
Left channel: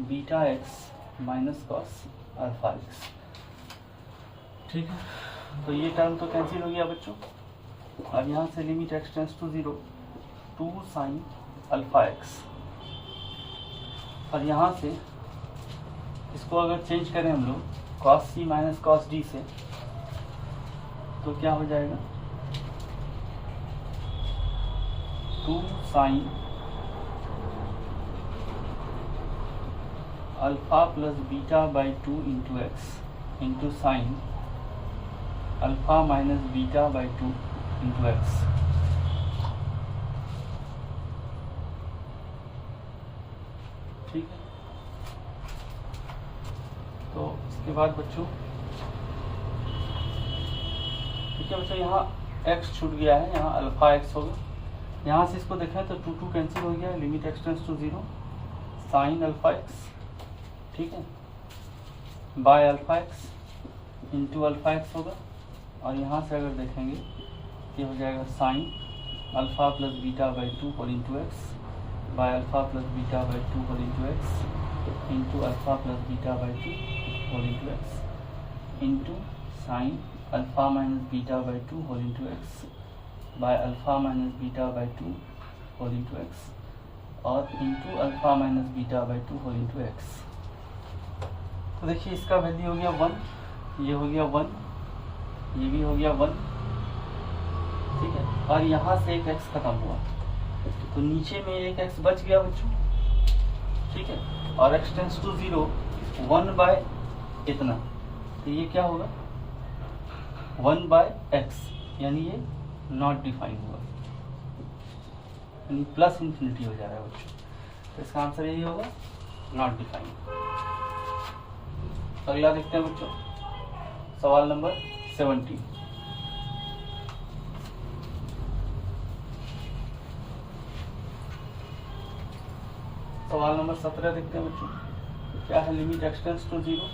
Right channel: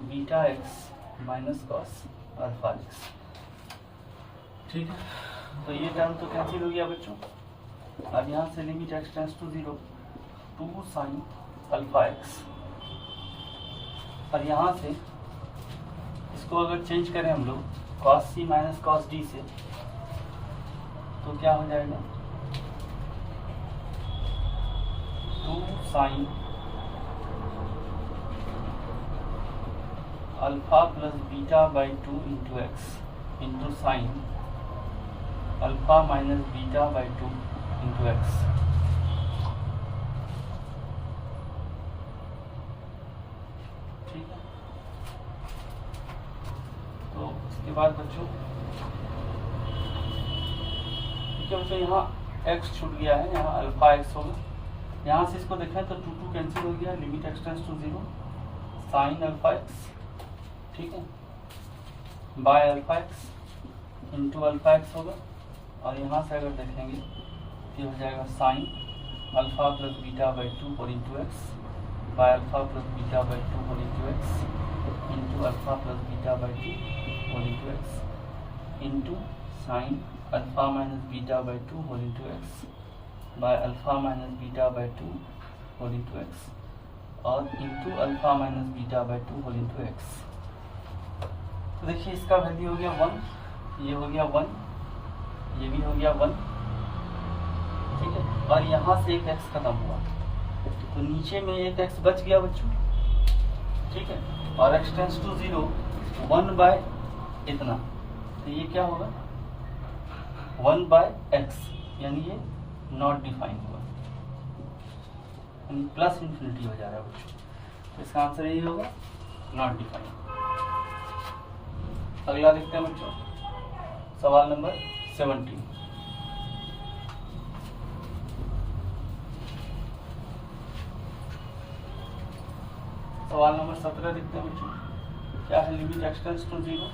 beta x minus cos alpha x, ठीक है। तो ये टर्म तो कैंसिल हो गया बच्चों। अब यहाँ से limit x tends to 0 2 sine alpha x, और यहाँ से इसको अगर चेंज करें हम लोग कॉस सी माइनस कॉस डी से, तो क्या हो जाएगा 2 sine alpha plus beta by 2 into x into sine alpha minus beta by 2 into x, ठीक है। तो इसके बाद बच्चों ठीक है बच्चों, यहाँ x छूट गया है, यहाँ अल्फा x होगा। यहाँ से इसको देखें तो 2 कैंसिल हो गया, limit x tends to 0 sine alpha x, ठीक है, by alpha x into alpha x होगा, और यहाँ से अगर देखेंगे तो ये हो जाएगा sine alpha plus beta by 2 whole into x by alpha plus beta by 2 whole into x into alpha plus beta by 2 whole into x into sine alpha minus beta by 2 whole into x by alpha minus beta by 2 whole into x और into alpha minus beta by 2 whole into x. तो देखिए इसका value हो गया 1, ये हो गया 1, ये भी हो गया 1, ठीक है, और यहाँ से एक x खत्म हुआ, तो नीचे में एक x बच गया बच्चों, ठीक है, और x टेंड्स टू 0 1 बाय इतना, तो ये क्या होगा 1 बाय x, यानी ये नॉट डिफाइंड हुआ, यानी प्लस इन्फिनिटी हो जा रहा है बच्चों। तो इसका आंसर यही होगा नॉट डिफाइंड। अगला देखते हैं बच्चों, सवाल नंबर 17। सवाल नंबर 17 देखते हैं बच्चों, क्या है, लिमिट एक्स टेंड्स टू 0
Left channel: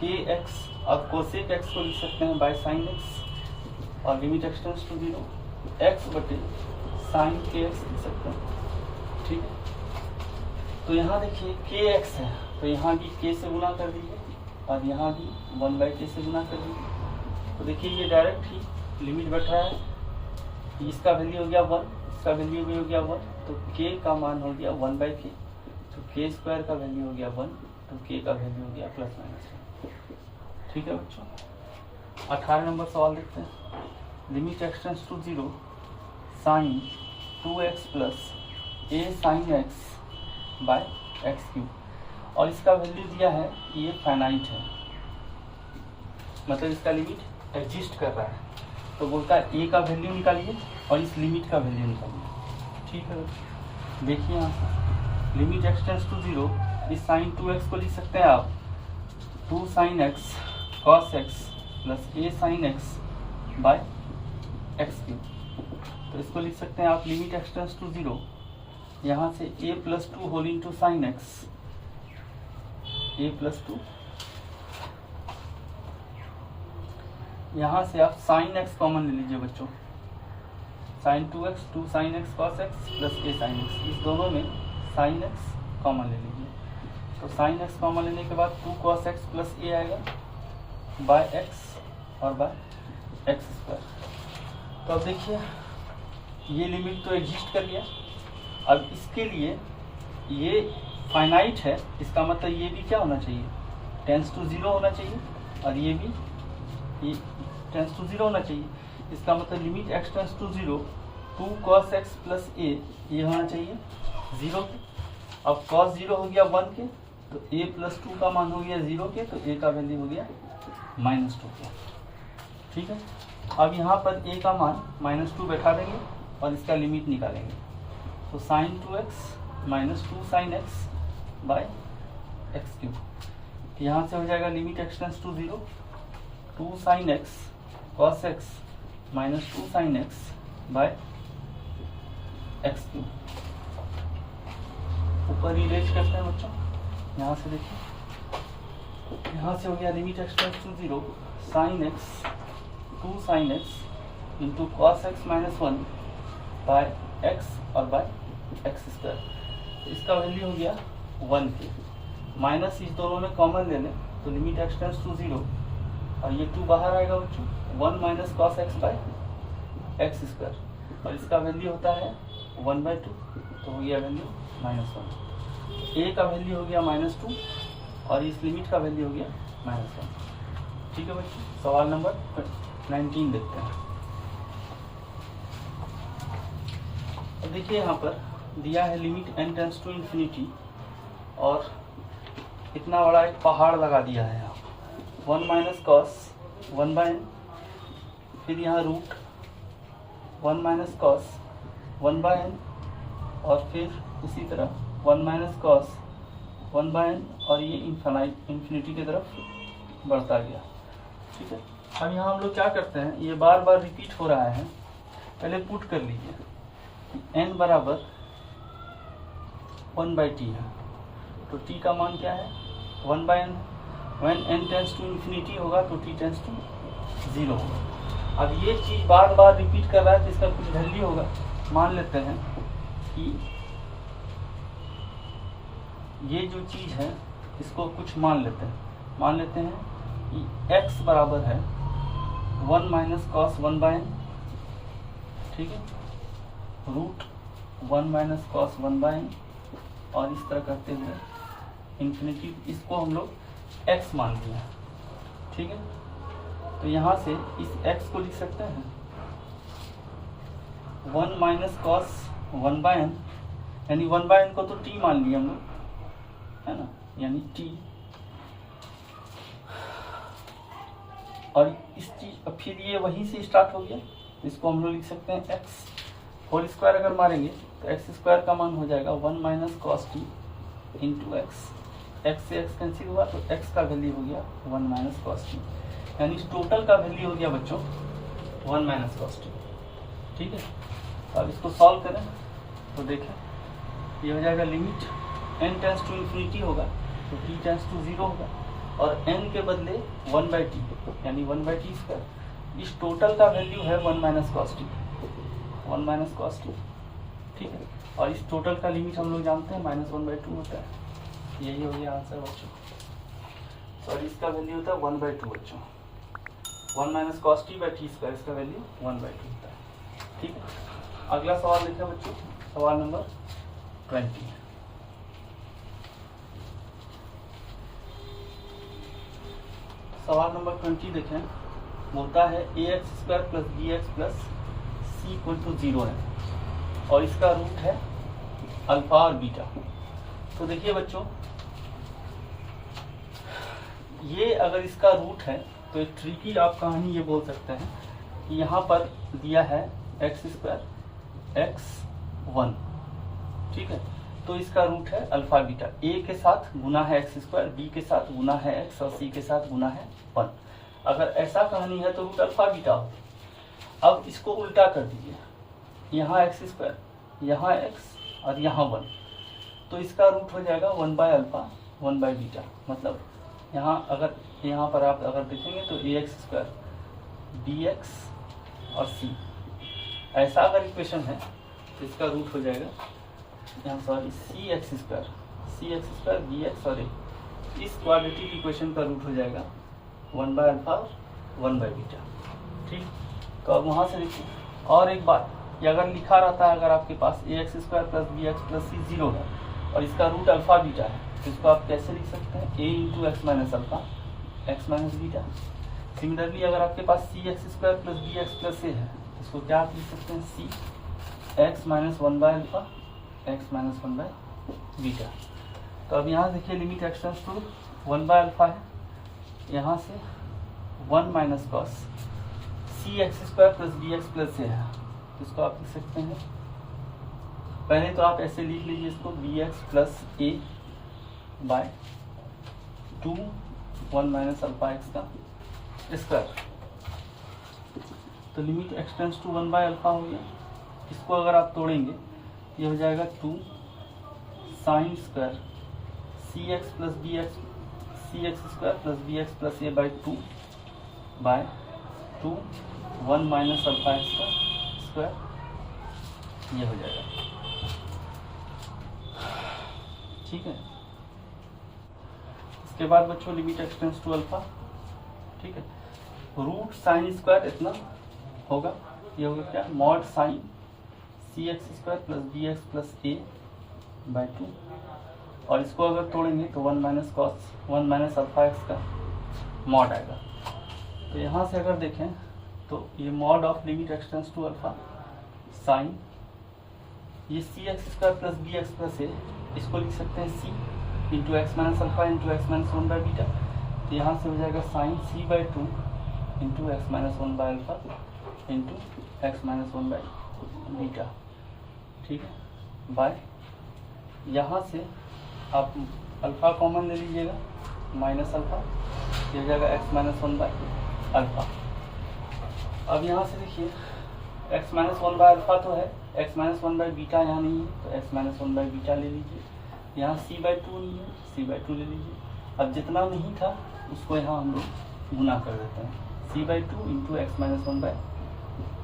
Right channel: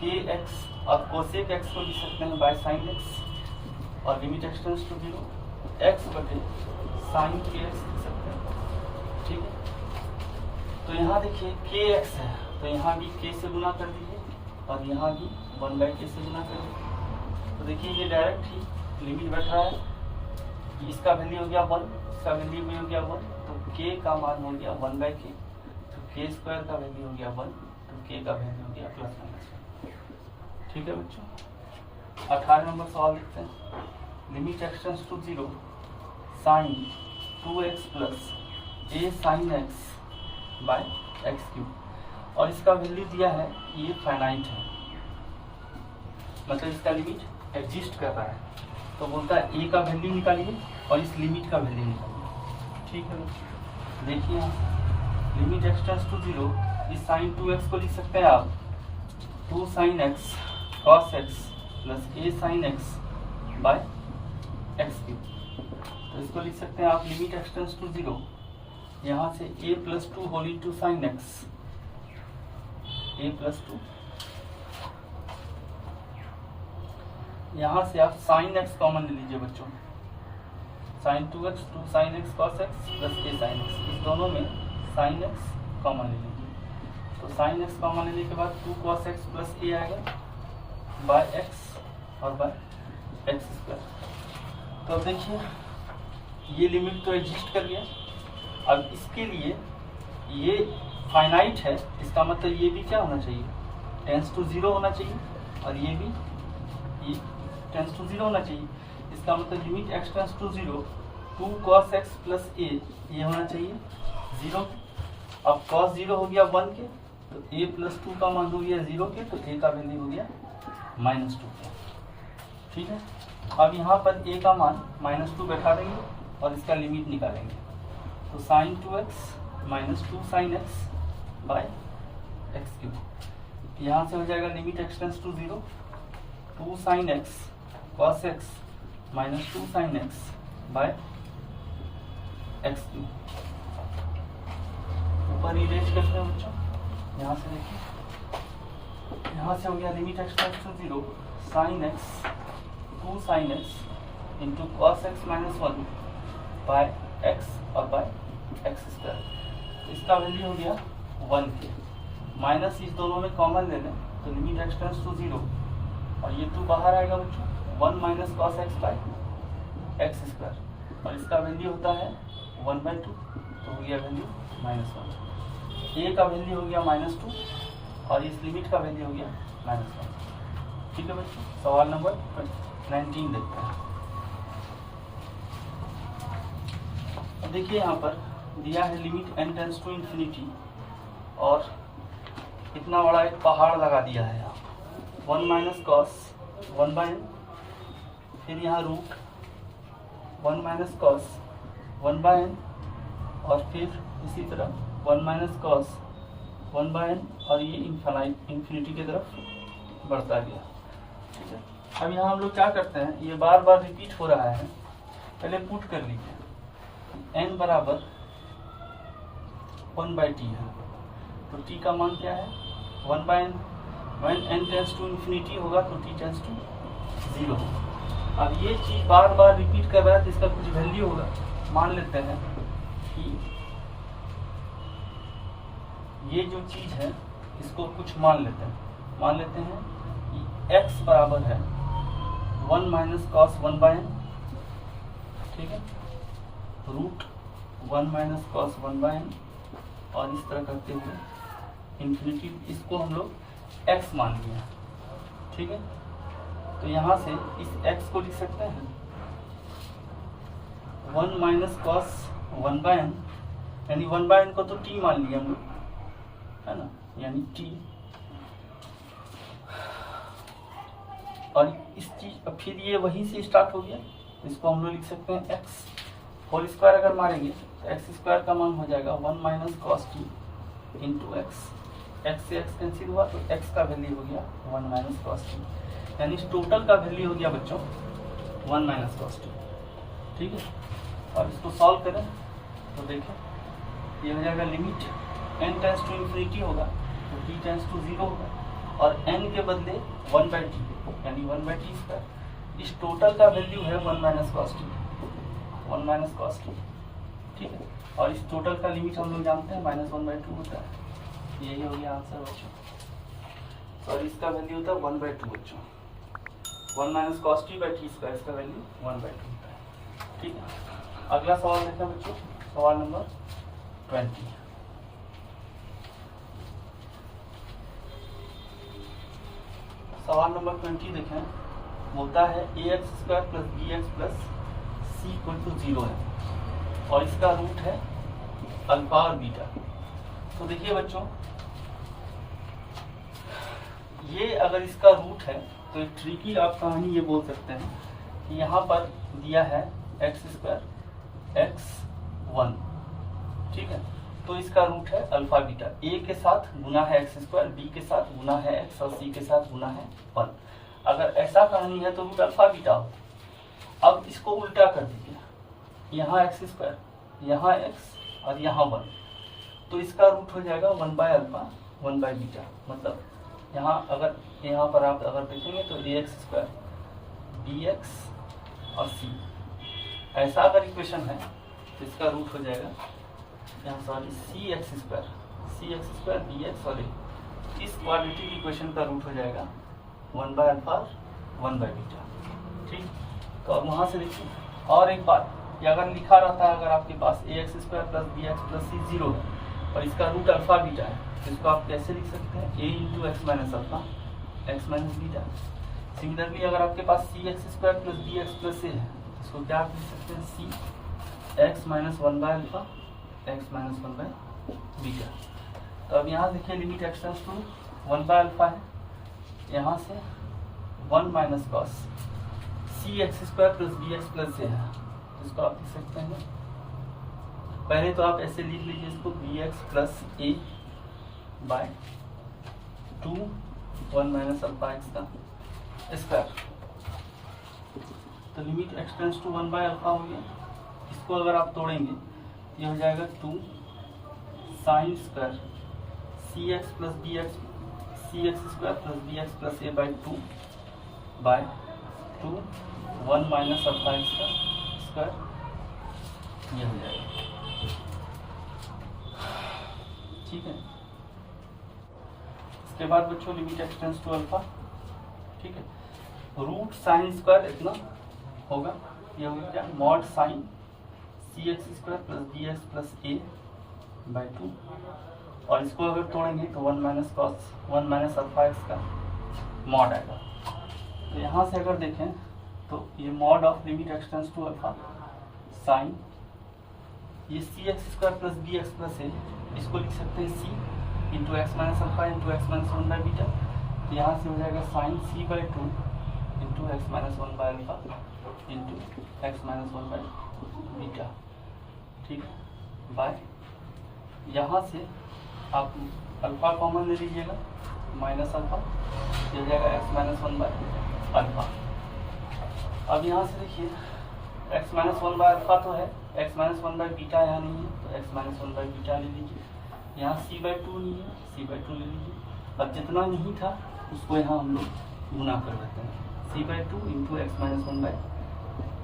के एक्स, अब कोसेक एक्स को लिख सकते हैं बाय साइन एक्स, और limit x tends to 0 x बटे साइन के एक्स लिख सकते हैं, ठीक है। तो यहाँ देखिए के एक्स है, तो यहाँ भी के से गुना कर दीजिए, और यहाँ भी 1 बाई के से गुना कर दीजिए। तो देखिए ये डायरेक्ट ही लिमिट बैठ रहा है, इसका वैल्यू हो गया 1, इसका वैल्यू भी हो गया 1, तो के का मान हो गया 1 बाई के, तो के स्क्वायर का वैल्यू हो गया 1, तो के का वैल्यू हो गया प्लस माइनस 1, ठीक है बच्चों। 18 नंबर सवाल देखते हैं, limit x tends to 0 sine 2x plus A sine x by x cube, और इसका वैल्यू दिया है, ये फाइनाइट है, मतलब इसका लिमिट एग्जिस्ट कर रहा है, तो बोलता है ए का वैल्यू निकालिए और इस लिमिट का वैल्यू निकालिए, ठीक है। देखिए यहाँ लिमिट एक्स टेंड्स टू 0, इस साइन 2x को लिख सकते हैं आप 2 sine x cos x plus A sine x by x cube, तो इसको लिख सकते हैं आप लिमिट एक्स टेंड्स टू 0, यहाँ से a plus 2 whole into sine x, a plus 2, यहाँ से आप साइन एक्स कॉमन ले लीजिए बच्चों, sine 2x 2 sine x cos x plus a sine x, इस दोनों में साइन एक्स कॉमन ले लीजिए, तो साइन एक्स कॉमन लेने के बाद 2 कॉस एक्स प्लस a आएगा बाय एक्स और बाय एक्स स्क्वायर। तो देखिए ये लिमिट तो एग्जिस्ट कर गया, अब इसके लिए ये फाइनाइट है, इसका मतलब ये भी क्या होना चाहिए, टेंस टू 0 होना चाहिए, और ये भी ये टेंस टू 0 होना चाहिए। इसका मतलब limit x tends to 0 2 cos x plus a ये होना चाहिए 0 के। अब cos 0 हो गया 1 के, तो a प्लस 2 का मान हो गया 0 के, तो a का वैल्यू हो गया -2 के। ठीक है, अब यहाँ पर a का मान -2 बैठा देंगे और इसका लिमिट निकालेंगे। तो sin 2x -2 sin x by x cube. यहाँ से हो जाएगा limit x tends to 0 2 sin x cos x -2 sin x by x cube. ऊपर इरेज करते हैं बच्चों, यहाँ से देखिए, यहाँ से हो गया limit x tends to 0 sin x 2 sin x into cos x -1 by x और बाय एक्स स्क्वायर। इसका वैल्यू हो गया 1 के। माइनस इस दोनों में कॉमन ले लें तो लिमिट x टेंस टू 0 और ये 2 बाहर आएगा बच्चों 1 minus cos x by x square, और इसका वैल्यू होता है 1/2, तो हो गया वैल्यू -1। a का वैल्यू हो गया -2 और इस लिमिट का वैल्यू हो गया -1। ठीक है बच्चों, सवाल नंबर 19 देखते हैं। अब देखिए यहाँ पर दिया है limit n tends to infinity और इतना बड़ा एक पहाड़ लगा दिया है यहाँ 1 माइनस कॉस 1/n, फिर यहाँ रूट 1 माइनस कॉस 1/n और फिर इसी तरह 1 माइनस कॉस 1/n और ये इन्फिनिटी की तरफ बढ़ता गया। ठीक है, अब यहाँ हम लोग क्या करते हैं, ये बार बार रिपीट हो रहा है, पहले पुट कर लीजिए n बराबर 1/t है, तो t का मान क्या है 1/n। when n tends to infinity होगा तो t टेंस टू 0 होगा। अब ये चीज बार बार रिपीट कर रहा है तो इसका कुछ वैल्यू होगा। मान लेते हैं कि ये जो चीज है इसको कुछ मान लेते हैं कि x बराबर है 1 माइनस कॉस 1/n, ठीक है, रूट 1 माइनस कॉस 1/n और इस तरह करते हुए इन्फिनिटी, इसको हम लोग x मान लिया। ठीक है, तो यहाँ से इस x को लिख सकते हैं 1 माइनस कॉस 1/n, यानी 1/n को तो t मान लिया हम लोग, है ना, यानी t, और इस चीज फिर ये वहीं से स्टार्ट हो गया, तो इसको हम लोग लिख सकते हैं x होल स्क्वायर। अगर मारेंगे तो एक्स स्क्वायर का मान हो जाएगा 1 minus cos T into x, x से एक्स कैंसिल हुआ तो एक्स का वैल्यू हो गया 1 माइनस कॉस टी, यानी टोटल का वैल्यू हो गया बच्चों 1 माइनस कॉस टी। ठीक है, अब इसको सॉल्व करें तो देखें ये हो जाएगा limit n tends to infinity होगा तो t टेंस टू 0 होगा और n के बदले 1/t यानी 1/t स्क्वायर। इस टोटल का वैल्यू है 1 minus cos T, 1 minus cos T. ठीक है, और इस टोटल का लिमिट हम लोग जानते हैं -1/2 होता है। यही हो गया आंसर बच्चों, और इसका वैल्यू होता है 1/2 बच्चों, 1 minus cos T by T square, इसका वैल्यू 1/2 होता है। ठीक है, अगला सवाल देखते हैं बच्चों, सवाल नंबर 20। सवाल नंबर 20 देखें, होता है ax² plus bx plus c equal to 0 है और इसका रूट है अल्फा और बीटा। तो देखिए बच्चों, ये अगर इसका रूट है तो एक ट्रिकी आप कहानी ये बोल सकते हैं कि यहाँ पर दिया है x² x1, ठीक है, तो इसका रूट है अल्फा बीटा, a के साथ गुना है x², b के साथ गुना है x और c के साथ गुना है 1। अगर ऐसा कहानी है तो रूट अल्फा बीटा हो। अब इसको उल्टा कर दीजिए, यहाँ x², यहाँ x और यहाँ 1, तो इसका रूट हो जाएगा 1/अल्फा 1/बीटा। मतलब यहाँ पर आप अगर देखेंगे तो ax² bx और c, ऐसा अगर इक्वेशन है तो इसका रूट हो जाएगा यहाँ सॉरी cx² bx और a। इस क्वाड्रेटिक इक्वेशन का रूट हो जाएगा 1/अल्फा 1/बीटा। ठीक, तो अब वहाँ से देखिए और एक बात कि अगर लिखा रहता है, अगर आपके पास ax² plus bx plus c 0 है और इसका रूट अल्फा बीटा है तो इसको आप कैसे लिख सकते हैं, a into x minus alpha x minus beta. Similarly अगर आपके पास c x square plus B x plus a है तो इसको क्या लिख सकते हैं, c x minus one by alpha x minus one by beta. तो अब यहाँ देखिए limit x tends to one by alpha है, यहाँ से one minus cos c x square plus B x plus a है, इसको आप लिख सकते हैं, पहले तो आप ऐसे लिख लीजिए इसको B x plus A by two one minus alpha x का स्क्वायर। तो limit x tends to one by alpha हो गया, इसको अगर आप तोड़ेंगे ये हो जाएगा two sine square C x plus B x C x square plus B x plus A by two by two one minus alpha x का स्क्वायर, ये हो जाएगा। ठीक है, इसके बाद बच्चों लिमिट एक्सटेंस टू अल्फा, ठीक है, रूट साइन स्क्वायर इतना होगा, ये होगा क्या, mod sine c x square plus B x plus A by two, और इसको अगर तोड़ेंगे तो one minus cos one minus alpha x का मॉड आएगा। तो यहाँ से अगर देखें तो ये mod of limit x tends to alpha sine ये c x square plus B x plus a, इसको लिख सकते हैं c into x minus alpha into x minus one by beta. तो यहाँ से हो जाएगा sine C by two into x minus one by alpha into x minus one by beta. ठीक है, बाय यहाँ से आप अल्फा कॉमन ले लीजिएगा माइनस अल्फा, ये हो जाएगा x minus one by alpha. अब यहाँ से देखिए x minus one by alpha तो है, x minus one by beta यहाँ नहीं है, तो x minus one by beta ले लीजिए। यहाँ सी बाई टू नहीं है, सी बाई टू ले लीजिए। अब जितना नहीं था उसको यहाँ हम लोग गुना कर देते हैं, c by two into x minus one by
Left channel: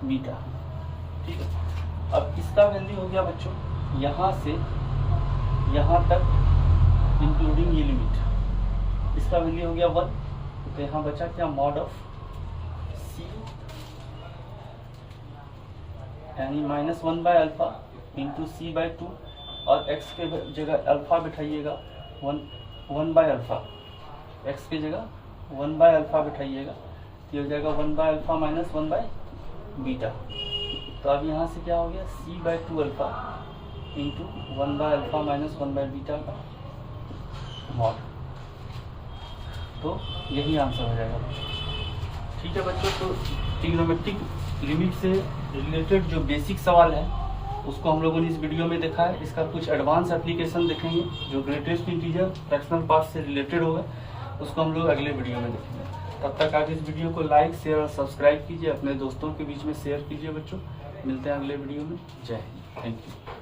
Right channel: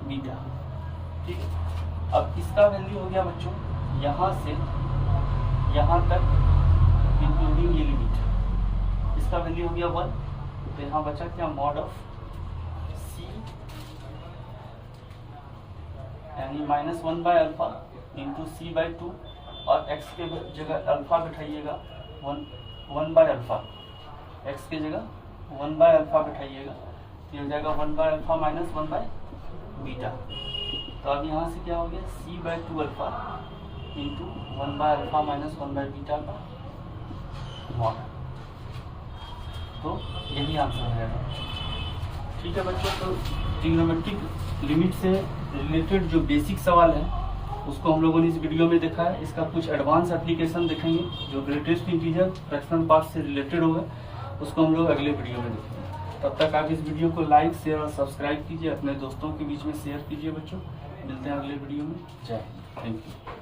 beta. ठीक है, अब इसका वैल्यू हो गया बच्चों यहाँ से यहाँ तक इंक्लूडिंग ये लिमिट, इसका वैल्यू हो गया वन। तो यहाँ बचा क्या, मॉड ऑफ सी यानी minus one by alpha into c by two, और एक्स के जगह अल्फा बिठाइएगा वन बाय अल्फा, एक्स की जगह वन बाय अल्फा बिठाइएगा, तो ये हो जाएगा one by alpha minus one by beta. तो अब यहाँ से क्या हो गया, c by two alpha into one by alpha minus one by beta का मॉड। तो यही आंसर हो जाएगा। ठीक है बच्चों, तो ट्रिग्नोमेट्रिक लिमिट से रिलेटेड जो बेसिक सवाल है उसको हम लोगों ने इस वीडियो में देखा है। इसका कुछ एडवांस एप्लीकेशन देखेंगे जो ग्रेटेस्ट इंटीजर फ्रैक्शनल पार्ट से रिलेटेड होगा, उसको हम लोग अगले वीडियो में देखेंगे। तब तक आप इस वीडियो को लाइक शेयर और सब्सक्राइब कीजिए, अपने दोस्तों के बीच में शेयर कीजिए बच्चों। मिलते हैं अगले वीडियो में, जय हिंद, थैंक यू।